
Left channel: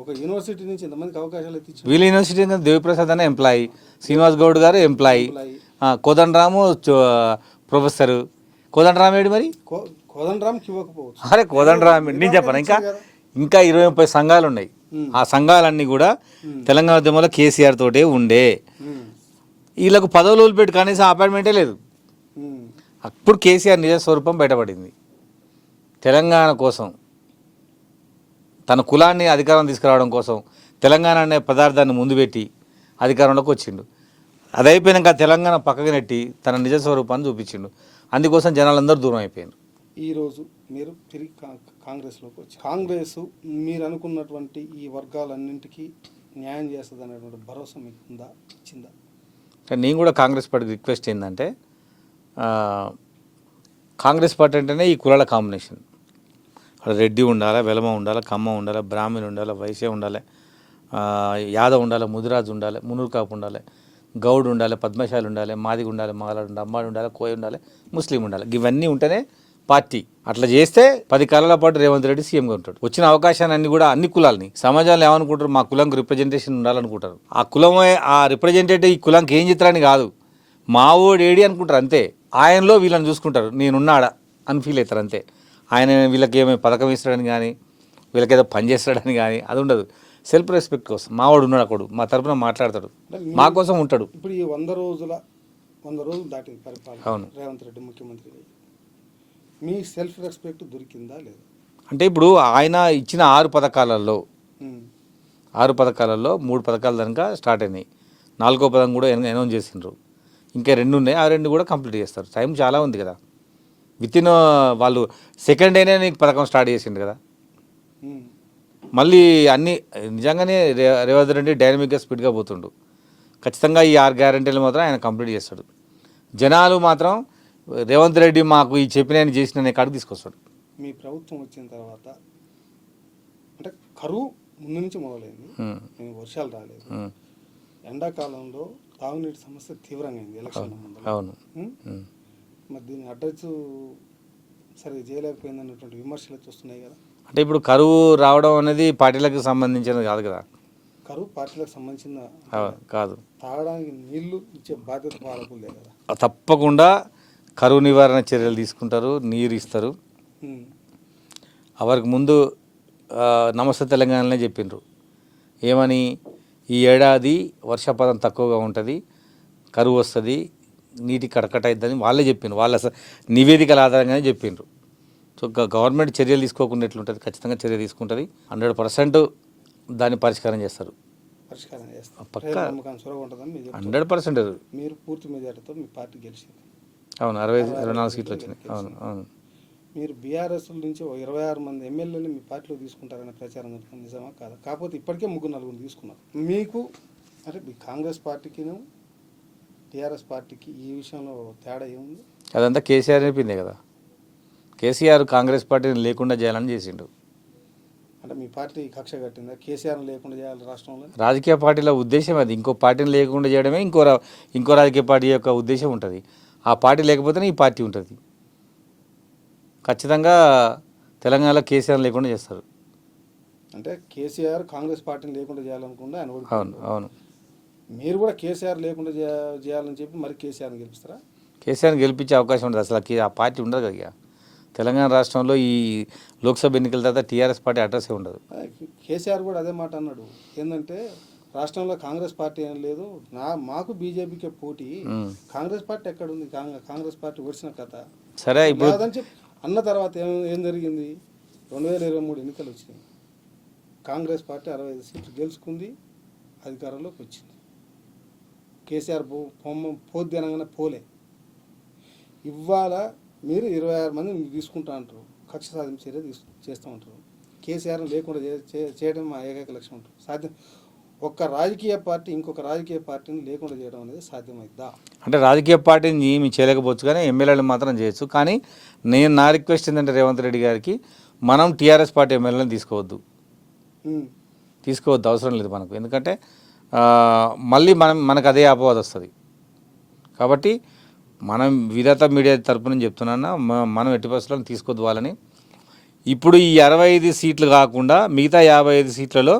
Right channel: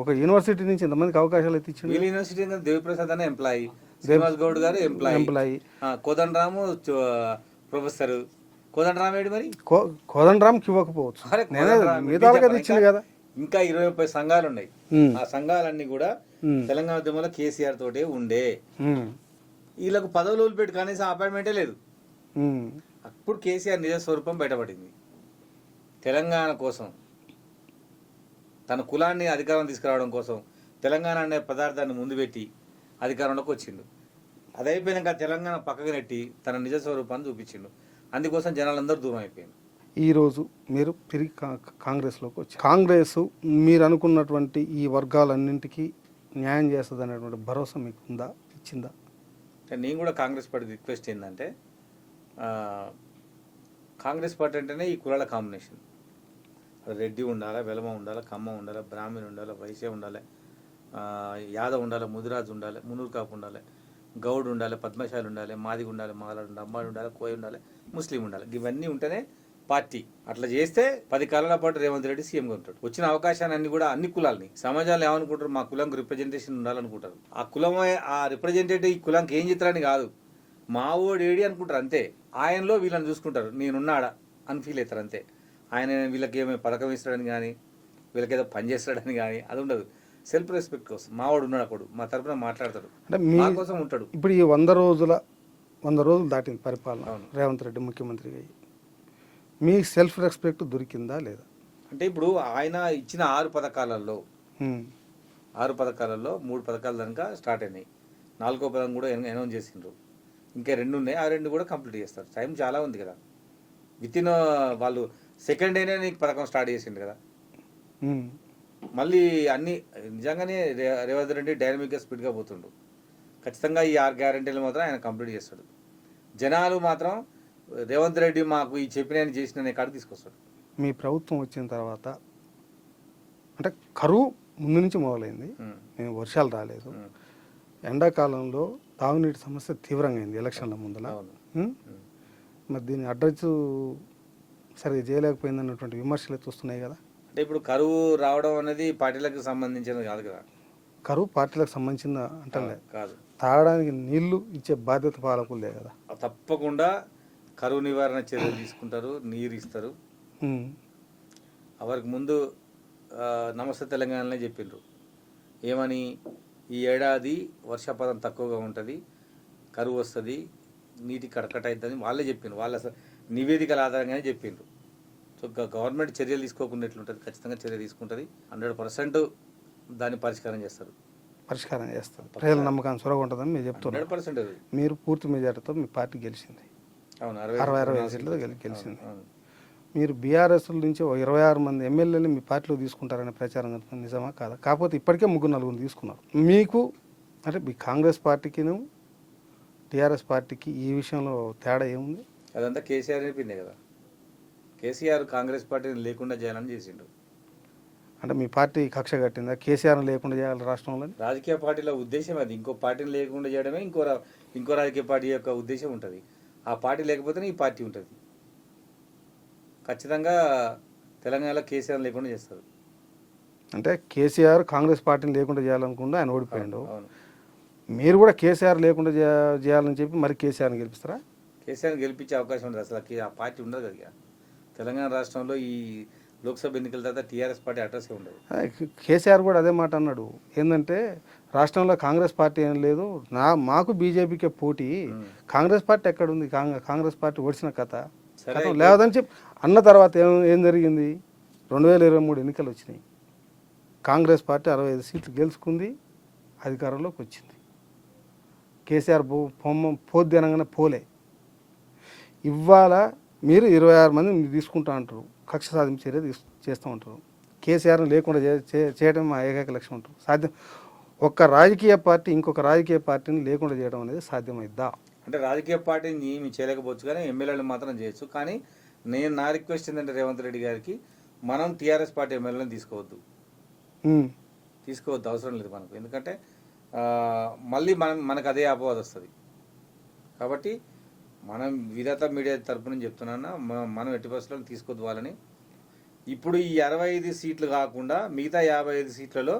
ఒక యూనివర్సిటీ నుంచి ఎంతమందికి అవకాశాలు ఎత్తించారు? వీళ్ళ యూనివర్సిటీ దేవిప్రసాద్ అనే ఎంప్లాయీ, శ్రీనివాస్ గౌడ్ గారు ఎంప్లాయీ, కోదండరాము ప్రొఫెసర్. కోదండరామ్ ఏడు మరి? కోదండరామ్కి ఇవ్వకపోవచ్చు. అరే కోదండరామ్ నేను చెప్పను. ఇంకా 20-30 సంఘాలు ఉన్నాయి. ఆ సంఘాలన్నీ కూడా తెలంగాణ ఉద్యమంలో కేసీఆర్ తోటే ఉండే. వీళ్ళకు పదవులు పెట్టి కనీసం అపాయింట్మెంటే లేదు. అప్పుడు కేసీఆర్ నిజ స్వరూపం బయటపడింది. తెలంగాణ కోసం, తన కులాన్ని అధికారం తీసుకురావడం కోసం తెలంగాణ అనే పదార్థాన్ని ముందు పెట్టి అధికారంలోకి వచ్చిండు. అది అయిపోయినాక తెలంగాణ పక్కకు నెట్టి తన నిజ స్వరూపాన్ని చూపించిండు. అందుకోసం జనాలందరూ దూరం అయిపోయారు. ఈరోజు మీరు తిరిగి కాంగ్రెస్లోకి వచ్చి, కాంగ్రెస్ మీరు అనుకున్నటువంటి ఈ వర్గాలన్నింటికీ న్యాయం చేస్తుంది అనేటువంటి భరోసా మీకు ఉందా, ఇచ్చిందా? నేను కూడా కాంగ్రెస్ పార్టీ రిక్వెస్ట్ ఏంటంటే, కాంగ్రెస్ పార్టీ అంటేనే ఈ కులాల కాంబినేషన్. రెడ్డి ఉండాలి, వెలమ ఉండాలి, కమ్మ ఉండాలి, బ్రాహ్మణ్ ఉండాలి, వైశ్య ఉండాలి, యాదవ్ ఉండాలి, ముదిరాజు ఉండాలి, మునూరు కాపు ఉండాలి, గౌడ్ ఉండాలి, పద్మశాలి ఉండాలి, మాదిగ ఉండాలి, మగలాడు ఉండాలి, అమ్మాయి ఉండాలి, కోయ ఉండాలి, ముస్లిం ఉండాలి. ఇవన్నీ ఉంటేనే పార్టీ. అట్లా చేస్తే 10 కాలాల పాటు రేవంత్ రెడ్డి సీఎంగా ఉంటాడు. వచ్చిన అవకాశాన్ని అన్ని కూడా అన్ని కులాలని, సమాజంలో ఏమనుకుంటారు, మా కులంకి రిప్రజెంటేషన్ ఉండాలనుకుంటారు. ఆ కులమే ఆ రిప్రజెంటేటివ్ ఈ కులంకి ఏం చిత్రాన్ని కాదు, మా ఓడి ఏడి అనుకుంటారు అంతే. ఆయనలో వీళ్ళని చూసుకుంటారు, నేనున్నాడా అని ఫీల్ అవుతారు అంతే. ఆయన వీళ్ళకి ఏమైనా పథకం ఇస్తాడని కానీ, వీళ్ళకి ఏదో పని చేస్తాడని కానీ అది ఉండదు. సెల్ఫ్ రెస్పెక్ట్ కోసం మావాడు ఉన్నాడు, అక్కడ మా తరపున మాట్లాడతాడు, మా కోసం ఉంటాడు. ఇప్పుడు ఈ 100 రోజులు దాటింది పరిపాలన. అవును, రేవంత్ రెడ్డి ముఖ్యమంత్రి అయ్యి మీ సెల్ఫ్ రెస్పెక్ట్ దొరికిందా లేదా? అంటే ఇప్పుడు ఆయన ఇచ్చిన 6 పథకాలలో 3 పథకాల దాకా స్టార్ట్ అయినాయి. 4వ పథకం కూడా అనౌన్స్ చేసిండ్రు. ఇంకా 2 ఉన్నాయి, ఆ 2 కూడా కంప్లీట్ చేస్తారు. టైం చాలా ఉంది కదా. వితిన్ వాళ్ళు సెకండ్ డేనే నీకు పథకం స్టార్ట్ చేసిండు కదా. మళ్ళీ అన్నీ నిజంగానే రేవంత్ రెడ్డి డైనమిక్గా స్పీడ్గా పోతుండు. ఖచ్చితంగా ఈ 6 గ్యారంటీలు మాత్రం ఆయన కంప్లీట్ చేస్తాడు. జనాలు మాత్రం రేవంత్ రెడ్డి మాకు ఈ చెప్పిన చేసిన కాడికి తీసుకొస్తాడు. మీ ప్రభుత్వం వచ్చిన తర్వాత అంటే కరువు ముందు నుంచి మొదలైంది, వర్షాలు రాలేదు, ఎండాకాలంలో తాగునీటి సమస్య తీవ్రంగా అయింది ఎలక్షన్ల ముందు. అవును, మరి దీన్ని అడ్రస్ సరిగ్గా చేయలేకపోయింది అన్నటువంటి విమర్శలు అయితే వస్తున్నాయి కదా. అంటే ఇప్పుడు కరువు రావడం అనేది పార్టీలకు సంబంధించినది కాదు కదా. కరువు పార్టీలకు సంబంధించిన కాదు, తాగడానికి నీళ్లు ఇచ్చే బాధ్యత పాలకులే కదా. తప్పకుండా కరువు నివారణ చర్యలు తీసుకుంటారు, నీరు ఇస్తారు. అవరికి ముందు నమస్తే తెలంగాణనే చెప్పిండ్రు ఏమని, ఈ ఏడాది వర్షపాతం తక్కువగా ఉంటుంది, కరువు వస్తుంది, నీటి కటకట అవుతుందని వాళ్ళే చెప్పిండ్రు. వాళ్ళ నివేదికల ఆధారంగానే చెప్పిండ్రు. సో గవర్నమెంట్ చర్యలు తీసుకోకుండా ఎట్లుంటుంది, ఖచ్చితంగా చర్య తీసుకుంటుంది. 100% దాన్ని పరిష్కారం చేస్తారు. పరిష్కారం చేస్తాం. ప్రజల నమ్మకాన్ని సొరగ ఉంటుందని మీరు చెప్తారు. 100%. మీరు పూర్తి మెజార్టీతో మీ పార్టీ గెలిచింది. అవును, 64 సీట్లు వచ్చినాయి. అవును. మీరు బీఆర్ఎస్ నుంచి ఓ 26 మంది ఎమ్మెల్యేలు మీ పార్టీలో తీసుకుంటారనే ప్రచారం జరుగుతుంది. నిజమా కాదా? కాకపోతే ఇప్పటికే 3-4 తీసుకున్నారు. మీకు అంటే మీ కాంగ్రెస్ పార్టీకిను టీఆర్ఎస్ పార్టీకి ఈ విషయంలో తేడా ఏముంది? అదంతా కేసీఆర్ చెప్పిందే కదా. కేసీఆర్ కాంగ్రెస్ పార్టీని లేకుండా చేయాలని చేసిండు. అంటే మీ పార్టీ కక్ష కట్టిందా కేసీఆర్ని లేకుండా చేయాలి రాష్ట్రంలో? రాజకీయ పార్టీల ఉద్దేశం అది. ఇంకో పార్టీని లేకుండా చేయడమే ఇంకో రాజకీయ పార్టీ యొక్క ఉద్దేశం ఉంటుంది. ఆ పార్టీ లేకపోతేనే ఈ పార్టీ ఉంటుంది. ఖచ్చితంగా తెలంగాణలో కేసీఆర్ లేకుండా చేస్తారు. అంటే కేసీఆర్ కాంగ్రెస్ పార్టీని లేకుండా చేయాలనుకుంటే ఆయన ఓడిపోయాడు. అవును. మీరు కూడా కేసీఆర్ లేకుండా చేయాలని చెప్పి మరి కేసీఆర్ని గెలిపిస్తారా? కేసీఆర్ని గెలిపించే అవకాశం ఉంటుంది. అసలు ఆ పార్టీ ఉండదు కదా. ఇక తెలంగాణ రాష్ట్రంలో ఈ లోక్సభ ఎన్నికల తర్వాత టీఆర్ఎస్ పార్టీ అడ్రస్సే ఉండదు. కేసీఆర్ కూడా అదే మాట అన్నాడు. ఏంటంటే రాష్ట్రంలో కాంగ్రెస్ పార్టీ ఏం లేదు, మాకు బీజేపీకే పోటీ, కాంగ్రెస్ పార్టీ ఎక్కడ ఉంది, కాంగ్రెస్ పార్టీ ఓడిసిన కథ సరే లేదని చెప్పి అన్న తర్వాత ఏం జరిగింది? 2023 ఎన్నికలు వచ్చినాయి. కాంగ్రెస్ పార్టీ 65 సీట్లు గెలుచుకుంది, అధికారంలోకి వచ్చింది. కేసీఆర్ పోద్ది పోలే. ఇవాళ మీరు 26 మంది తీసుకుంటా అంటారు, కక్ష సాధింపు చర్య చేస్తూ ఉంటారు. కేసీఆర్ని లేకుండా చేయడం మా ఏకైక లక్ష్యం ఉంటుంది. సాధ్యం ఒక్క రాజకీయ పార్టీ ఇంకొక రాజకీయ పార్టీని లేకుండా చేయడం అనేది సాధ్యమైద్దా? అంటే రాజకీయ పార్టీని ఏమి చేయలేకపోవచ్చు, కానీ ఎమ్మెల్యేలు మాత్రం చేయొచ్చు. కానీ నా రిక్వెస్ట్ ఏంటంటే రేవంత్ రెడ్డి గారికి, మనం టీఆర్ఎస్ పార్టీ ఎమ్మెల్యేలను తీసుకోవద్దు, అవసరం లేదు మనకు. ఎందుకంటే మళ్ళీ మనకు అదే అపవాదం వస్తుంది. కాబట్టి మనం విధాత మీడియా తరపు నుంచి చెప్తున్నా, మనం ఎట్టి పరిస్థితులను తీసుకోవద్దు వాళ్ళని. ఇప్పుడు ఈ 65 సీట్లు కాకుండా మిగతా 55 సీట్లలో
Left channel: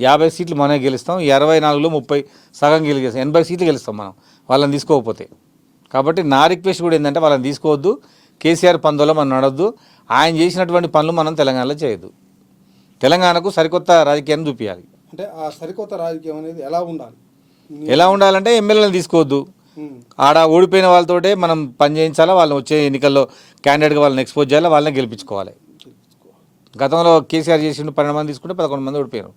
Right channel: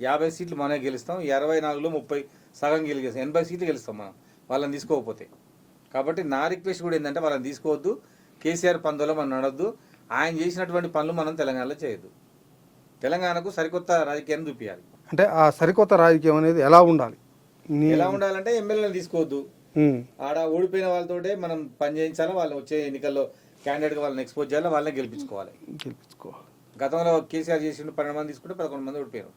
50 సీట్లు మనమే గెలుస్తాం. 24లో 30 సగం గెలిగేస్తాం. 80 సీట్లు గెలుస్తాం మనం వాళ్ళని తీసుకోకపోతే. కాబట్టి నా రిక్వెస్ట్ కూడా ఏంటంటే వాళ్ళని తీసుకోవద్దు. కేసీఆర్ పందోలో మనం నడవద్దు. ఆయన చేసినటువంటి పనులు మనం తెలంగాణలో చేయొద్దు. తెలంగాణకు సరికొత్త రాజకీయాన్ని చూపించాలి. అంటే ఆ సరికొత్త రాజకీయం అనేది ఎలా ఉండాలంటే ఎమ్మెల్యేలను తీసుకోవద్దు. ఆడ ఓడిపోయిన వాళ్ళతోటే మనం పని చేయించాలా, వాళ్ళని వచ్చే ఎన్నికల్లో క్యాండిడేట్గా వాళ్ళని ఎక్స్పోజ్ చేయాలి, వాళ్ళని గెలిపించుకోవాలి. గతంలో కేసీఆర్ చేసిండు 12 మంది తీసుకుంటే 11 మంది ఓడిపోయారు.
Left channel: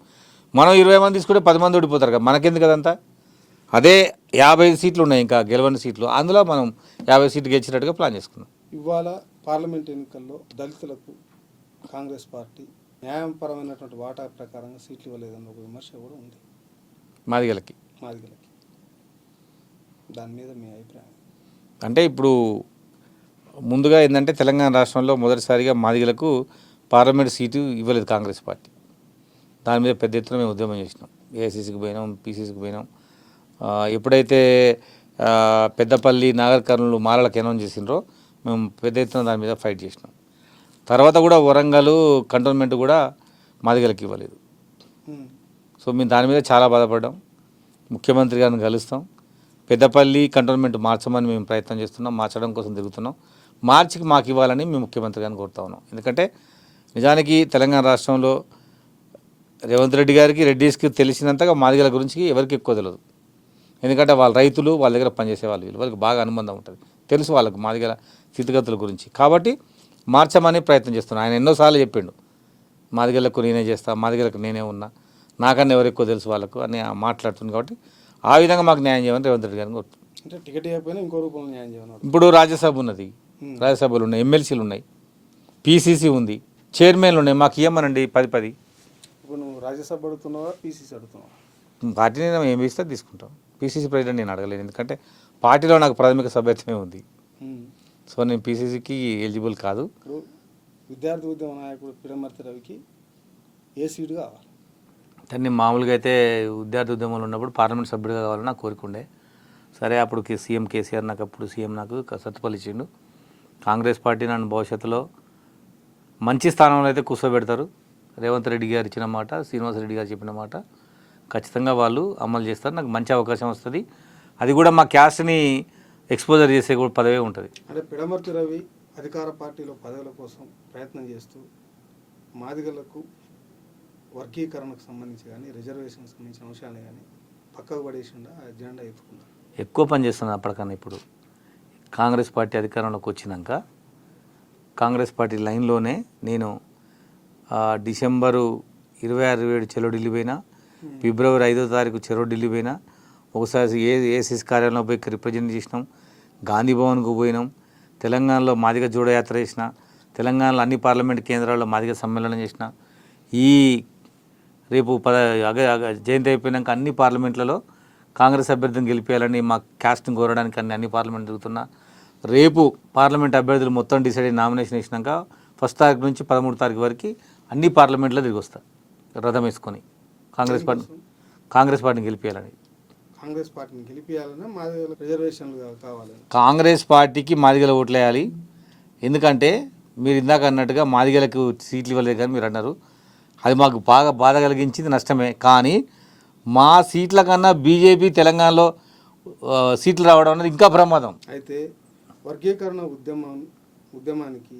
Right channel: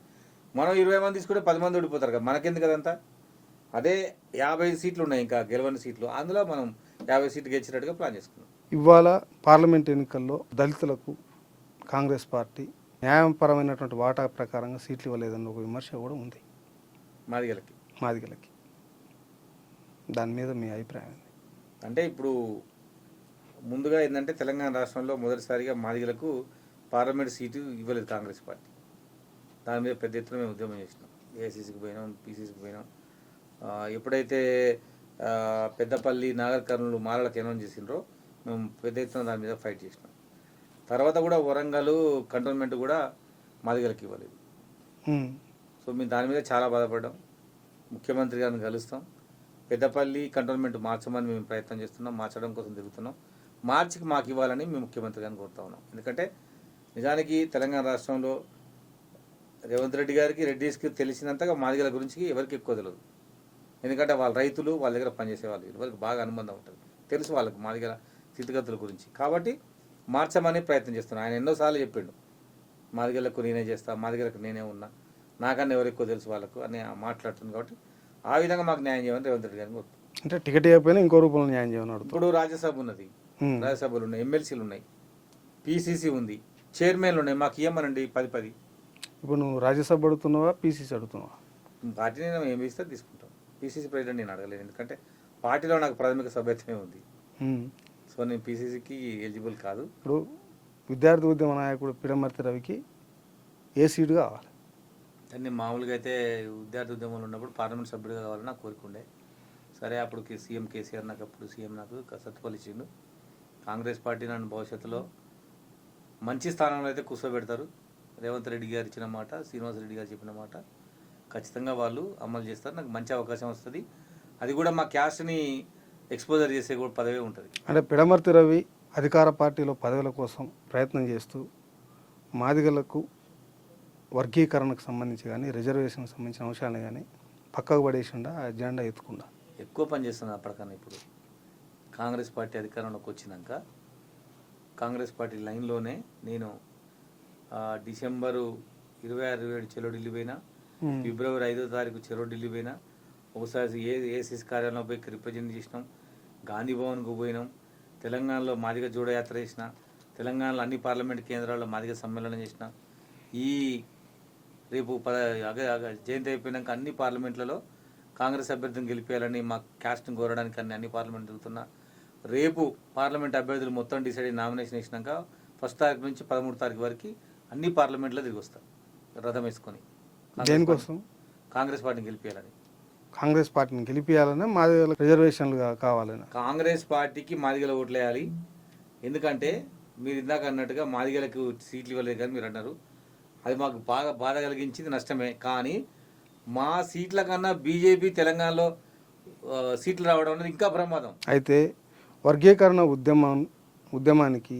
మనం 20 మంది తీసుకుంటే 10 మంది ఓడిపోతారు కదా. మనకెందుకు కదంతా? అదే 55 సీట్లు ఉన్నాయి ఇంకా గెలవని సీట్లు, అందులో మనం 50 సీట్లు గెలిచినట్టుగా ప్లాన్ చేసుకున్నాం. ఇవాళ పార్లమెంట్ ఎన్నికల్లో దళితులకు కాంగ్రెస్ పార్టీ న్యాయపరమైనటువంటి వాటా ప్రకారంగా సీట్లు ఇవ్వలేదన్న ఒక విమర్శ కూడా ఉంది మాదిగలకి. దాని మీద మీ అభిప్రాయం? అంటే ఇప్పుడు ముందుగా ఏంటంటే తెలంగాణ రాష్ట్రంలో మొదటిసారిగా మాదిగలకు పార్లమెంట్ సీటు ఇవ్వలేదు కాంగ్రెస్ పార్టీ. దాని మీద పెద్ద ఎత్తున మేము ఉద్యమం చేసినాం. ఏఐసీసీకి పోయినాం, పీసీసీకి పోయినాం. ఎప్పుడైతే పెద్దపల్లి, నాగర్ కర్నూలు, మాలలకు అనౌన్స్ చేసినారో మేము పెద్ద ఎత్తున దాని మీద ఫైట్ చేసినాం. తర్వాత కూడా వరంగల్ కంటోన్మెంట్ కూడా మాదిగలకు ఇవ్వలేదు. సో మేము దాని మీద చాలా బాధపడ్డాం. ముఖ్యమంత్రి గారిని కలుస్తాం. పెద్దపల్లి కంటోన్మెంట్ మార్చమని మేము ప్రయత్నం చేస్తున్నాం, మార్చడం కోసం తిరుగుతున్నాం. మార్చికి మాకు ఇవ్వాలని మేము ముఖ్యమంత్రి గారిని కోరుతా ఉన్నాం. ఎందుకంటే నిజానికి తెలంగాణ రాష్ట్రంలో రేవంత్ రెడ్డి గారికి, రెడ్డిస్కి తెలిసినంతగా మాదిగల గురించి ఎవరికి ఎక్కువ తెలియదు. ఎందుకంటే వాళ్ళ రైతులు, వాళ్ళ దగ్గర పనిచేసే వాళ్ళు, వాళ్ళకి బాగా అనుబంధం ఉంటుంది, తెలుసు వాళ్ళకి మాదిగల స్థితిగతుల గురించి. కాబట్టి మార్చమని ప్రయత్నం చేస్తున్నాను. ఆయన ఎన్నోసార్లు చెప్పిండు, మాదిగలకు నేనే చేస్తా, మాదిగలకు నేనే ఉన్నా, నాకన్నా ఎవరు ఎక్కువ తెలుసు వాళ్ళకు అని మాట్లాడుతుంది. కాబట్టి ఆ విధంగా మాకు న్యాయం చేయమని రేవంత్ రెడ్డి గారిని కోరుతుంది. అంటే టికెట్ ఇవ్వకపోయినా ఇంకో రూపంలో న్యాయం చేయమన్నాడు. ఇప్పుడు రాజ్యసభ ఉన్నది, రాజ్యసభలు ఉన్నాయి, ఎమ్మెల్సీలు ఉన్నాయి, పీసీసీ ఉంది, చైర్మన్లు ఉన్నాయి. మాకు ఇవ్వమనండి 10. ఇప్పుడు నువ్వు రాజ్యసభ అడుగుతున్నావా, పీసీసీ అడుగుతున్నావా? పార్టీని ఏమి ఇస్తే తీసుకుంటాం. పీసీసీ ప్రెసిడెంట్ నేను అడగలేను, ఎందుకంటే పార్టీలో నాకు ప్రాథమిక సభ్యత్వమే ఉంది. సో నేను పీసీసీకి ఎలిజిబుల్ కాదు. ఇప్పుడు విద్యార్థి ఉద్యమ నాయకుడు పిడమర్తి రవికి ఏ సీటు కావాలి? కానీ మామూలుగా అయితే విద్యార్థి ఉద్యమంలో ఉన్నప్పుడు పార్లమెంట్ సభ్యుడిగా కావాలని నాకు కోరికుండే. సరే, అప్పుడు సీఎం కేసీఆర్ నాకు సత్తుపల్లి ఇచ్చిండు. కాంగ్రెస్ పార్టీ నన్ను భవిష్యత్తులో మంచి స్థానంలో అయితే కూర్చోబెడతారు. రేవంత్ రెడ్డి గారు ఇచ్చిన మాట, శ్రీనివాస్ రెడ్డి గారు చెప్పిన మాట ఖచ్చితంగా వాళ్ళు అమలు చేస్తారు. నాకు మంచి అవకాశం వస్తుంది. అది కూడా మా క్యాస్ట్ని ఎక్స్పోజర్ చేసే కూడా పదవే ఉంటుంది. అంటే పిడమర్తి రవి అధికార పార్టీలో పదవుల కోసం ప్రయత్నం చేస్తూ మాదిగలకు వర్గీకరణకు సంబంధించి కానీ, రిజర్వేషన్కి సంబంధించిన అంశాలను కానీ పక్కకు పడేసిండా, అజెండా ఎత్తుకుండా ఎక్కువ పని చేస్తున్నాను అప్పటికన్నా. ఇప్పుడు కాంగ్రెస్ పార్టీ అధికారంలోకి వచ్చినాక కాంగ్రెస్ పార్టీ లైన్లోనే నేను డిసెంబరు 26-27 చెలో ఢిల్లీ పోయినా, ఫిబ్రవరి 5వ తారీఖు చెరో ఢిల్లీ పోయినా, ఒకసారి ఏఐసిసి కార్యాలయంలో పోయి రిప్రజెంట్ చేసినాం, గాంధీ భవన్కు పోయినాం, తెలంగాణలో మాదిగ జోడయాత్ర చేసిన, తెలంగాణలో అన్ని పార్లమెంట్ కేంద్రాల్లో మాదిగ సమ్మేళనం చేసిన ఈ రేపు జయంతి అయిపోయినాక అన్ని పార్లమెంట్లలో కాంగ్రెస్ అభ్యర్థిని గెలిపేయాలని మా క్యాస్ట్ని కోరడానికి అన్ని పార్లమెంట్ తిరుగుతున్నా. రేపు పార్లమెంట్ అభ్యర్థులు మొత్తం డిసైడ్ అయ్యి నామినేషన్ వేసినాక 1 తారీఖు నుంచి 13 తారీఖు వరకు అన్ని పార్లమెంట్లో తిరిగి వస్తారు రథం వేసుకొని కాంగ్రెస్ పార్టీని గెలిపేయాలని. కాంగ్రెస్ పార్టీని గెలిపియాలని మాదిగల రిజర్వేషన్లు కావాలని కాంగ్రెస్ పార్టీకి మాదిగల ఓట్లు వేయాలి. ఎందుకంటే మీరు ఇందాక అన్నట్టుగా మాదిగలకు సీట్లు ఇవ్వలేదు కానీ మీరు అన్నారు, అది మాకు బాగా బాధ కలిగించింది, నష్టమే. కానీ మా సీట్ల కన్నా బీజేపీ తెలంగాణలో సీట్లు రావడం అనేది ఇంకా ప్రమాదం. అయితే వర్గీకరణ ఉద్యమానికి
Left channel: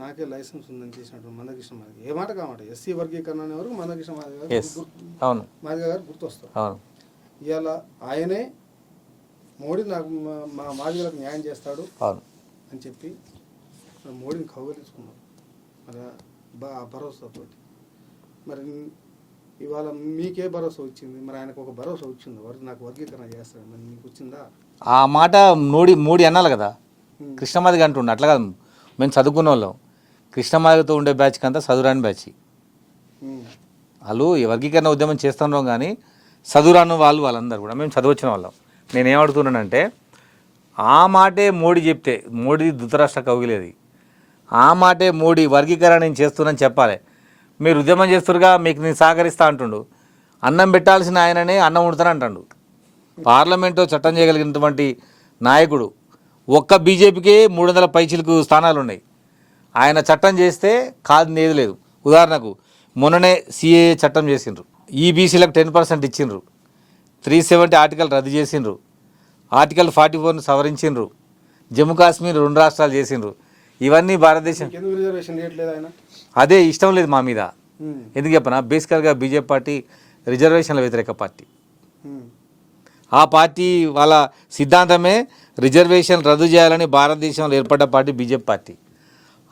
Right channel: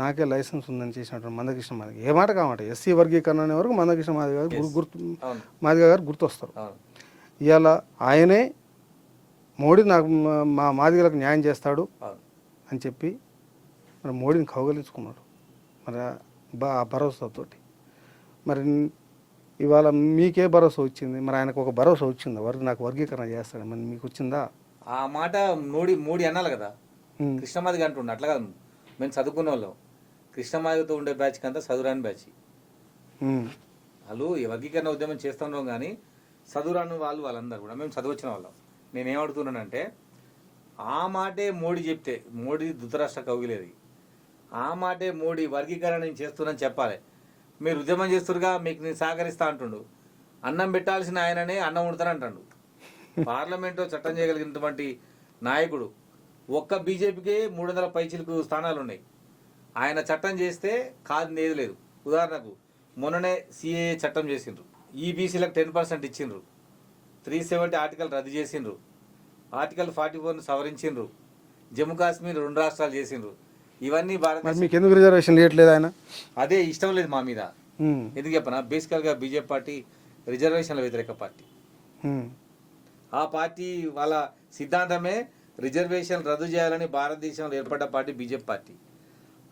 నాకే లైసెన్స్ ఉందని చేసినటువంటి మందకృష్ణ మాదిగ ఏ మాట కామాట ఎస్సీ వర్గీకరణ అనే వరకు మందకృష్ణ మాదిగ గారు మాదిగ గారు గుర్తొస్తారు. ఇవాళ ఆయనే మోడీ నాకు మా మాదిగలకు న్యాయం చేస్తాడు అని చెప్పి మరి మోడీని కౌగలించుకున్నారు మరి భరోసాతోటి. మరి ఇవాళ మీకే భరోసా వచ్చింది, మరి ఆయనకు ఒక భరోసా వచ్చిందా నాకు వర్గీకరణ చేస్తాడు, మరి మీకు వచ్చిందా? ఆ మాట మోడీ అనాలి కదా. కృష్ణమాదిగ అంటుండే అట్లా కాదు, మేము చదువుకున్న వాళ్ళం. కృష్ణమాదిగతో ఉండే బ్యాచ్కి అంతా చదువురాని బ్యాచ్. వాళ్ళు వర్గీకరణ ఉద్యమం చేస్తున్నాం కానీ చదువురాను వాళ్ళందరూ కూడా మేము చదువచ్చిన వాళ్ళం. నేనేమడుతున్నానంటే ఆ మాటే మోడీ చెప్తే, మోడీ ధృతరాష్ట్ర కౌగిలేది, ఆ మాటే మోడీ వర్గీకరణ నేను చేస్తున్నాను చెప్పాలి. మీరు ఉద్యమం చేస్తురుగా, మీకు నేను సహకరిస్తా అంటుండు. అన్నం పెట్టాల్సిన ఆయననే అన్నం వండుతాను అంటాడు. పార్లమెంట్లో చట్టం చేయగలిగినటువంటి నాయకుడు. ఒక్క బీజేపీకే 300 పైచిలకు స్థానాలు ఉన్నాయి. ఆయన చట్టం చేస్తే కాదు ఏది లేదు. ఉదాహరణకు మొన్ననే సిఏఏ చట్టం చేసిండ్రు, ఈబీసీలకు 10% ఇచ్చిండ్రు, 370 ఆర్టికల్ రద్దు చేసిండ్రు, ఆర్టికల్ 44ను సవరించిండ్రు, జమ్మూ కాశ్మీర్ 2 రాష్ట్రాలు చేసిండ్రు. ఇవన్నీ భారతదేశం ఎందుకు రిజర్వేషన్ చేయట్లేదు ఆయన? అదే ఇష్టం లేదు మా మీద. ఎందుకు చెప్పనా, బేసికల్గా బీజేపీ పార్టీ రిజర్వేషన్ల వ్యతిరేక పార్టీ. ఆ పార్టీ వాళ్ళ సిద్ధాంతమే రిజర్వేషన్ రద్దు చేయాలని భారతదేశంలో ఏర్పడ్డ పార్టీ బీజేపీ పార్టీ.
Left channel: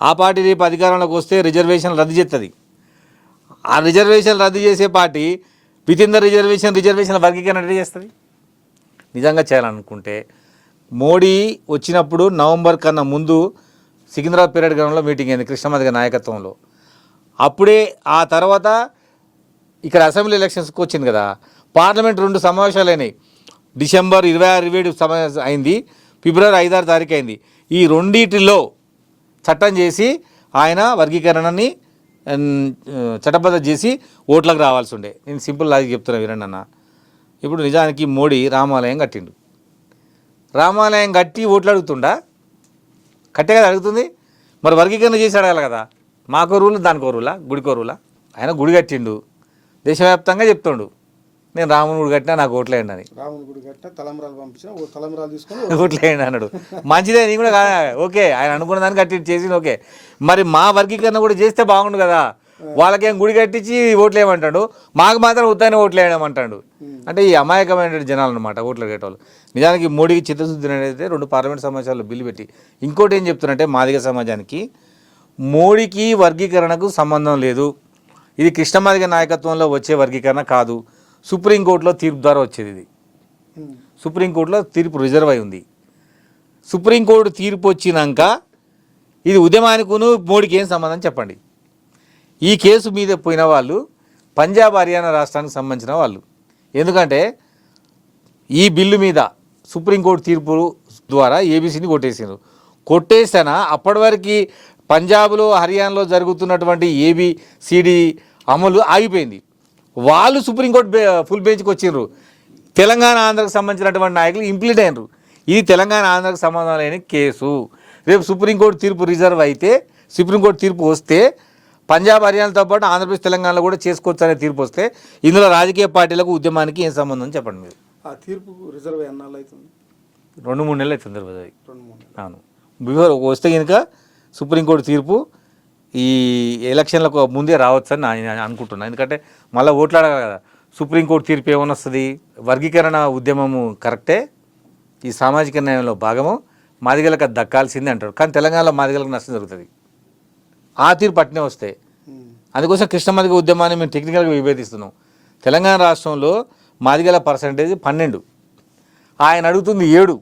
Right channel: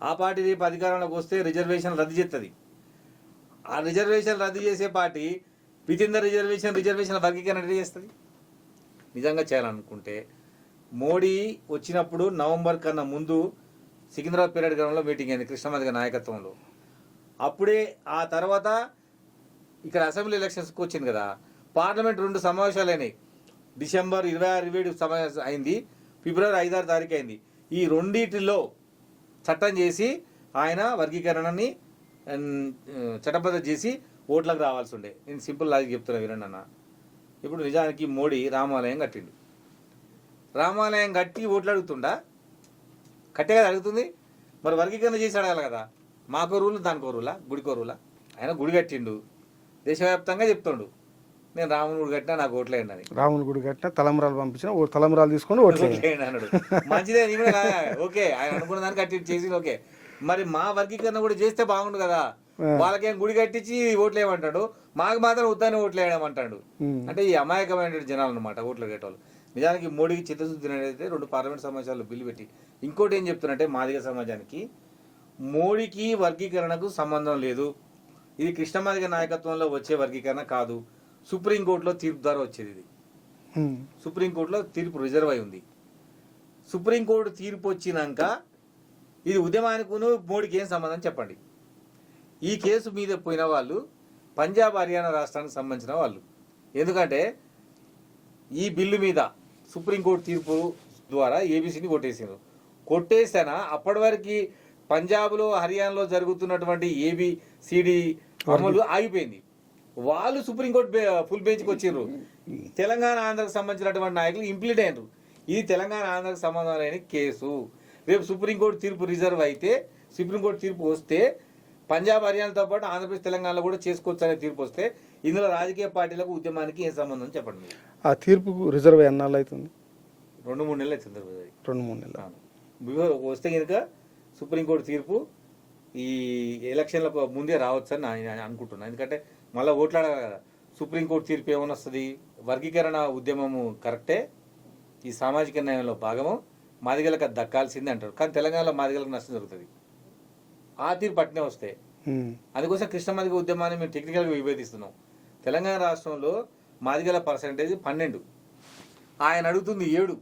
ఆ పార్టీ రేపు అధికారంలోకి వస్తే రిజర్వేషన్ రద్దు చేస్తుంది. ఆ రిజర్వేషన్ రద్దు చేసే పార్టీ వితిన్ ద రిజర్వేషన్ వర్గీకరణ రెడీ చేస్తుంది. నిజంగా చేయాలనుకుంటే మోడీ వచ్చినప్పుడు నవంబర్ కన్నా ముందు సికింద్రాబాద్ పీరియడ్ గ్రౌండ్లో మీటింగ్ అయింది కృష్ణమాదిగ నాయకత్వంలో. అప్పుడే ఆ తర్వాత ఇక్కడ అసెంబ్లీ ఎలక్షన్స్కి వచ్చింది కదా, పార్లమెంట్ 2 సమావేశాలు అయినాయి. డిసెంబర్ 26-27 సమావేశం అయింది, ఫిబ్రవరి 5-6 తారీఖు అయింది. ఈ రెండింటిలో చట్టం చేసి ఆయన వర్గీకరణని చట్టబద్ధ చేసి ఓట్లకు రావాల్సి ఉండే. నేను సింపుల్ లాజిక్ చెప్తున్నా వినండి అన్న. ఇప్పుడు నిజానికి మోడీ రామాలయం కట్టిండు. రామాలయం కట్టి ఓట్లు అడుగుతుండా? కట్టే కదా అడుగుతుంది. మరి వర్గీకరణ చేసి అడగాలి కదా. మాకో రూలు దానికో రూలా, గుడికో రూలా? ఆయన గుడి కట్టిండు, దేశవ్యాప్తంగా చెప్తుండు నేను రాముని గుడి కట్టినా నాకు ఓట్లేయండి అని. రాముని గుడి కట్టినా తలంబరాలు పంపించిన తలంబరాలు తీసుకొని ఓట్లేయండి అన్నాడు. మంచిదే, నీ కూడా ఓకే, ఆయన అనుకున్న దాన్ని కట్టి చేసింది ఓకే. మరి మా వర్గీకరణ కూడా చేస్తే బాగుండు కదా. వాళ్ళకేం గుడి కట్టించి ఓట్లేయమంటాడు, మాకు మాత్రం ఉత్తైన ఓట్లేయమంటాడు. అంటే ఈ అమాయకమైన జనాలు అనమాట ఓట్లు అడిగేటోళ్ళు. నిజానికి మోడీకి చిత్తశుద్ధి అయితే 2 పార్లమెంట్ సమావేశాల్లో బిల్లు పెట్టి ఇంకోటి ఏం చెప్తున్నారంటే మాదిగ సమాజానికి మోడీకి వర్గీకరణకు సంబంధం లేదు, ఇది కృష్ణమాదిగ నాయకత్వంలో వచ్చే వర్గీకరణ కాదు, సుప్రీంకోర్టులో తీర్పు ద్వారా వచ్చేది. ఇది సుప్రీంకోర్టులో తీర్పు రిజర్వ్ అయి ఉంది. సుప్రీంకోర్టు తీర్పు వచ్చినాక ఇది ఉద్యమానికిను మోడీకి ఏం సంబంధం చెప్పండి. ఈ కేసు మీద పోయిన వాళ్ళు పంజాబ్ హర్యానా రాష్ట్రానికి సంబంధించిన వాళ్ళు. ఎందుకంటే ఈ బిల్లు మీద సుప్రీంకోర్టు తీర్పు ద్వారా ఏబీసీని కొట్టేసారు. కొట్టేసినా అప్పటి వరకు పంజాబ్లో హర్యానాలో జరుగుతున్నటువంటి ఏబిసిడి అమలు ఆగిపోయింది. వాళ్ళు సుప్రీంకోర్టు ఫుల్ బెంచ్కి వచ్చిండ్రు. తెలంగాణ ఆంధ్రకు సంబంధించినటువంటి నాయకులు ఇంప్లీట్ అయినరు. ఇది తెలంగాణ ఆంధ్రకు సంబంధం లేని కేసు. రేపు సుప్రీంకోర్టు తీర్పు రిజర్వ్ అయితే, సుప్రీంకోర్టు తీర్పు వస్తే పంజాబ్ హర్యానాతో పాటు ఆంధ్రప్రదేశ్ తెలంగాణలో కూడా చేసుకోవచ్చు అనే తీర్పు వస్తే ఇందులో రాజకీయ పార్టీలకు ఉద్యమానికి ఏం సంబంధం చెప్పండి మీరు. ఆ తీర్పుకు రిజర్వ్ ఎన్నాళ్ళు అవుతుంది? 2-3 నెలలు అవుతుంది. 2-3 నెలలు. అవును. బిఫోర్ వస్తే కనుక సుప్రీంకోర్టు తీర్పు ఈ ఎలక్షన్లకు ముందే రావచ్చు అని నేను అనుకుంటున్నాను. ఎందుకంటే మళ్ళీ ఓట్లాడాలి కదా. సుప్రీంకోర్టు తీర్పు ఏమని వస్తుంది? వర్గీకరణ ఉద్యమము కరెక్టే, ఈ సామాజిక న్యాయంలో భాగము, మాదిగలకు అది దక్కాల్సిందే అంటారు. కానీ తెలంగాణలో మాదిగలకు నష్టం జరుగుతుంది. ఆ తీర్పు పట్టినే వస్తే అందుకోసం కృష్ణమాదిగ ఉద్యమాన్ని మేము టెక్నికల్గా విభేదిస్తున్నాం. తెలంగాణ రాష్ట్రంలో మాదిగల పర్సంటేజ్ 12, ఆయన అడుగుతుంది 7.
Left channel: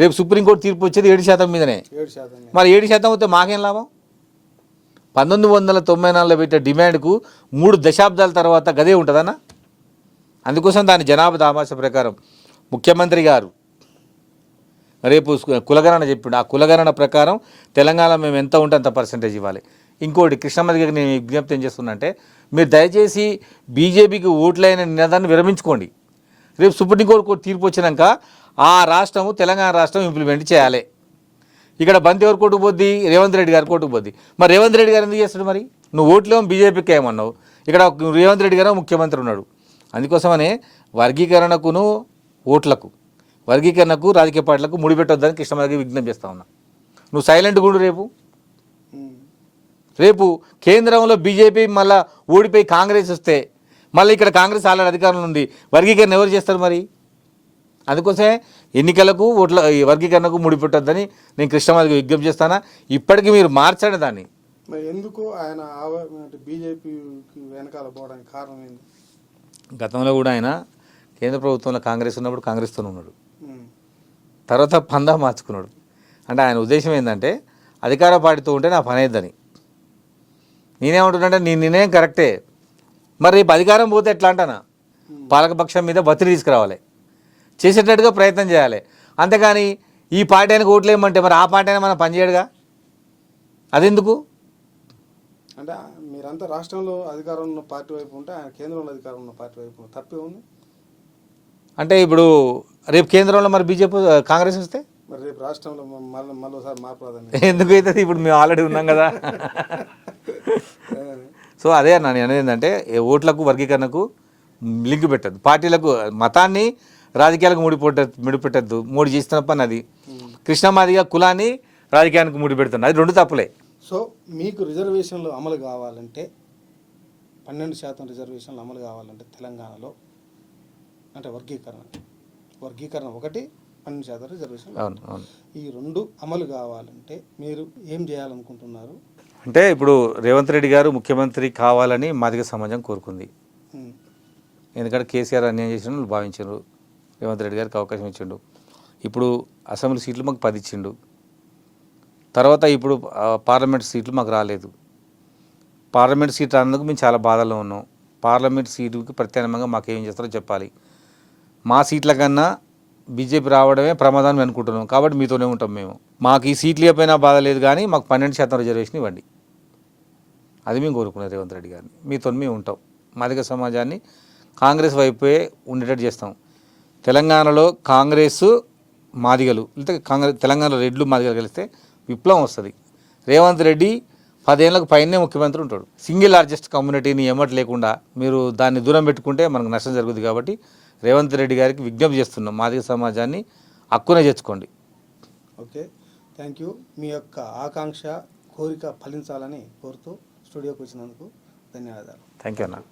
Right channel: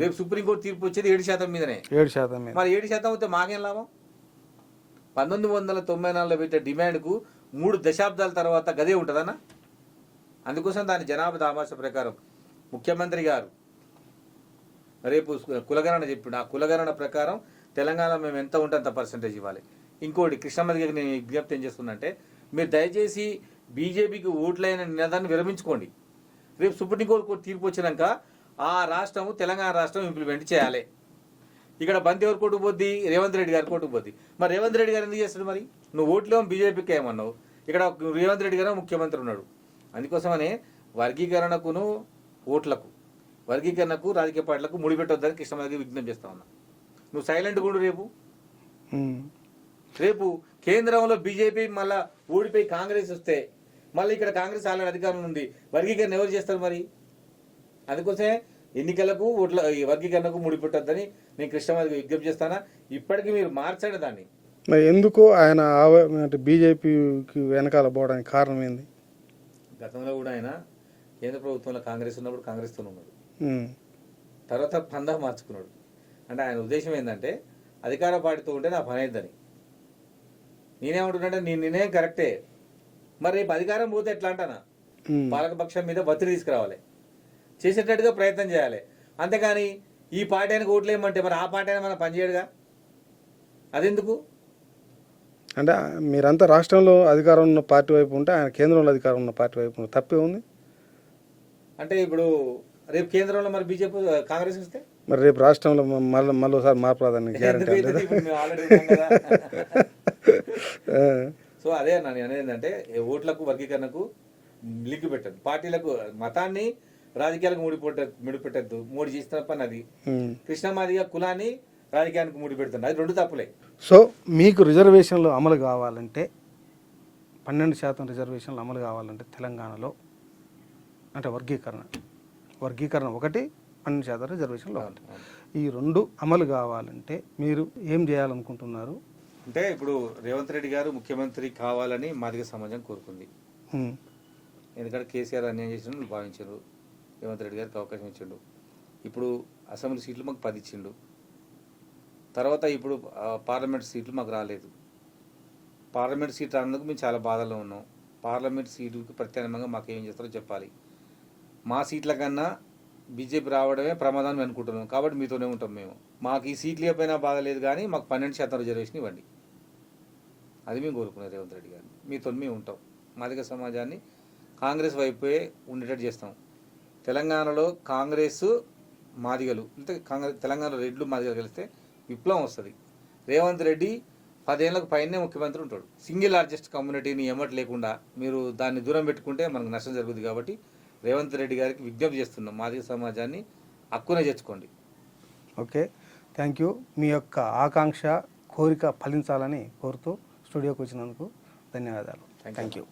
రేపు సుప్రీంకోర్టు తీర్పు వచ్చేది 7% మీదనే. 7%. మరి 7% వస్తే మాకేం లాభం? 1994లో పెట్టే డిమాండ్కు 3 దశాబ్దాల తర్వాత గదే ఉంటుందన్న. అందుకోసం దాని జనాభా దామాష ప్రకారం ముఖ్యమంత్రి గారు రేపు కులగణన చెప్పిండు. ఆ కులగణన ప్రకారం తెలంగాణ మేము ఎంత ఉంటే అంత పర్సెంటేజ్ ఇవ్వాలి. ఇంకోటి కృష్ణమది గారికి నేను విజ్ఞప్తి ఏం చేస్తున్నా అంటే, మీరు దయచేసి బీజేపీకి ఓట్లైన నినాదాన్ని విరమించుకోండి. రేపు సుప్రీంకోర్టు తీర్పు వచ్చినాక ఆ రాష్ట్రము తెలంగాణ రాష్ట్రం ఇంప్లిమెంట్ చేయాలి. ఇక్కడ బంతి ఎవరు కోర్టుకు పోద్ది? రేవంత్ రెడ్డి గారు కోర్టుకు పోద్ది. మరి రేవంత్ రెడ్డి గారు ఎందుకు చేస్తాడు? మరి నువ్వు ఓట్లేమో బీజేపీకి ఏమన్నావు, ఇక్కడ రేవంత్ రెడ్డి గారు ముఖ్యమంత్రి ఉన్నాడు. అందుకోసమనే వర్గీకరణకును ఓట్లకు వర్గీకరణకు రాజకీయ పార్టీలకు ముడిపెట్టొద్దని కృష్ణమదికి విజ్ఞప్తి చేస్తా ఉన్నా. నువ్వు సైలెంట్గా ఉండు. రేపు కేంద్రంలో బీజేపీ మళ్ళీ ఓడిపోయి కాంగ్రెస్ వస్తే మళ్ళీ ఇక్కడ కాంగ్రెస్ ఆల్రెడీ అధికారంలో ఉంది, వర్గీకరణ ఎవరు చేస్తారు మరి? అందుకోసమే ఎన్నికలకు ఓట్ల వర్గీకరణకు ముడిపెట్టొద్దని నేను కృష్ణమదికి విజ్ఞప్తి చేస్తానా. ఇప్పటికీ మీరు మార్చండి దాన్ని. మరి ఎందుకు ఆయన అంటే బీజేపీకి వెనకాల పోవడానికి కారణం ఏంది? గతంలో కూడా ఆయన కేంద్ర ప్రభుత్వంలో కాంగ్రెస్ ఉన్నప్పుడు కాంగ్రెస్తోనే ఉన్నాడు, తర్వాత పందా మార్చుకున్నాడు. అంటే ఆయన ఉద్దేశం ఏంటంటే అధికార పార్టీతో ఉంటే నా పని అయిద్దని. నేనేమంటున్నానంటే నీ నిర్ణయం కరెక్టే, మరి రేపు అధికారం పోతే ఎట్లా అంటానా? పాలకపక్షం మీద ఒత్తిడి తీసుకురావాలి, చేసేటట్టుగా ప్రయత్నం చేయాలి. అంతేగాని ఈ పార్టీ ఆయనకు ఓట్లు వేయమంటే మరి ఆ పార్టీ అయినా మనం పనిచేయడుగా, అదెందుకు? అంటే మీరంతా రాష్ట్రంలో అధికారం ఉన్న పార్టీ వైపు ఉంటే ఆయన కేంద్రంలో అధికారం ఉన్న పార్టీ వైపు తప్పే ఉంది. అంటే ఇప్పుడు రేపు కేంద్రంలో మరి బీజేపీ కాంగ్రెస్ వస్తే మరి రేపు రాష్ట్రంలో మళ్ళీ ఒకసారి మార్పు రాదని ఎందుకు అవుతుంది? ఇప్పుడు మేము ఆల్రెడీ ఉన్నాం కదా. సో అదే అన్న నేను అనేది ఏంటంటే ఓట్లకు వర్గీకరణకు లింక్ పెట్టద్దు, పార్టీలకు మతాన్ని రాజకీయాలకు ముడిపెట్టద్దు. మూడు చేస్తున్న పని అది. కృష్ణమాదిగా కులాన్ని రాజకీయానికి ముడిపెడుతుంది, అది రెండు తప్పులే. సో మీకు రిజర్వేషన్లు అమలు కావాలంటే 12% రిజర్వేషన్లు అమలు కావాలంటే తెలంగాణలో అంటే వర్గీకరణ ఒకటి, 12% రిజర్వేషన్లు. ఈ రెండు అమలు కావాలంటే మీరు ఏం చేయాలనుకుంటున్నారు? అంటే ఇప్పుడు రేవంత్ రెడ్డి గారు ముఖ్యమంత్రి కావాలని మాదిగ సమాజం కోరుకుంది. ఎందుకంటే కేసీఆర్ అన్యాయం చేసిన భావించారు, రేవంత్ రెడ్డి గారికి అవకాశం ఇచ్చిండు. ఇప్పుడు అసెంబ్లీ సీట్లు మాకు 10 ఇచ్చిండు. తర్వాత ఇప్పుడు పార్లమెంట్ సీట్లు మాకు రాలేదు. పార్లమెంట్ సీట్ రానందుకు మేము చాలా బాధలో ఉన్నాం. పార్లమెంట్ సీటుకి ప్రత్యామ్నాయంగా మాకు ఏం చేస్తారో చెప్పాలి. మా సీట్ల కన్నా బీజేపీ రావడమే ప్రమాదాన్ని అనుకుంటున్నాం, కాబట్టి మీతోనే ఉంటాం మేము. మాకు ఈ సీట్లు ఇవ్వకపోయినా బాధ లేదు, కానీ మాకు 12% రిజర్వేషన్ ఇవ్వండి, అది మేము కోరుకున్నాం రేవంత్ రెడ్డి గారిని. మీతో మేము ఉంటాం, మాదిగ సమాజాన్ని కాంగ్రెస్ వైపే ఉండేటట్టు చేస్తాం. తెలంగాణలో కాంగ్రెస్ మాదిగలు లేకపోతే తెలంగాణలో రెడ్లు మాదిగలు కలిస్తే విప్లవం వస్తుంది. రేవంత్ రెడ్డి 10 ఏళ్ళకు పైనే ముఖ్యమంత్రి ఉంటాడు. సింగిల్ లార్జెస్ట్ కమ్యూనిటీని ఎమ్మటి లేకుండా మీరు దాన్ని దూరం పెట్టుకుంటే మనకు నష్టం జరుగుతుంది. కాబట్టి రేవంత్ రెడ్డి గారికి విజ్ఞప్తి చేస్తున్నాం, మాదిగ సమాజాన్ని హక్కునే చేర్చుకోండి. Okay, thank you. మీ యొక్క ఆకాంక్ష కోరిక ఫలించాలని కోరుతూ స్టూడియోకి వచ్చినందుకు ధన్యవాదాలు. థ్యాంక్ యూ అన్న.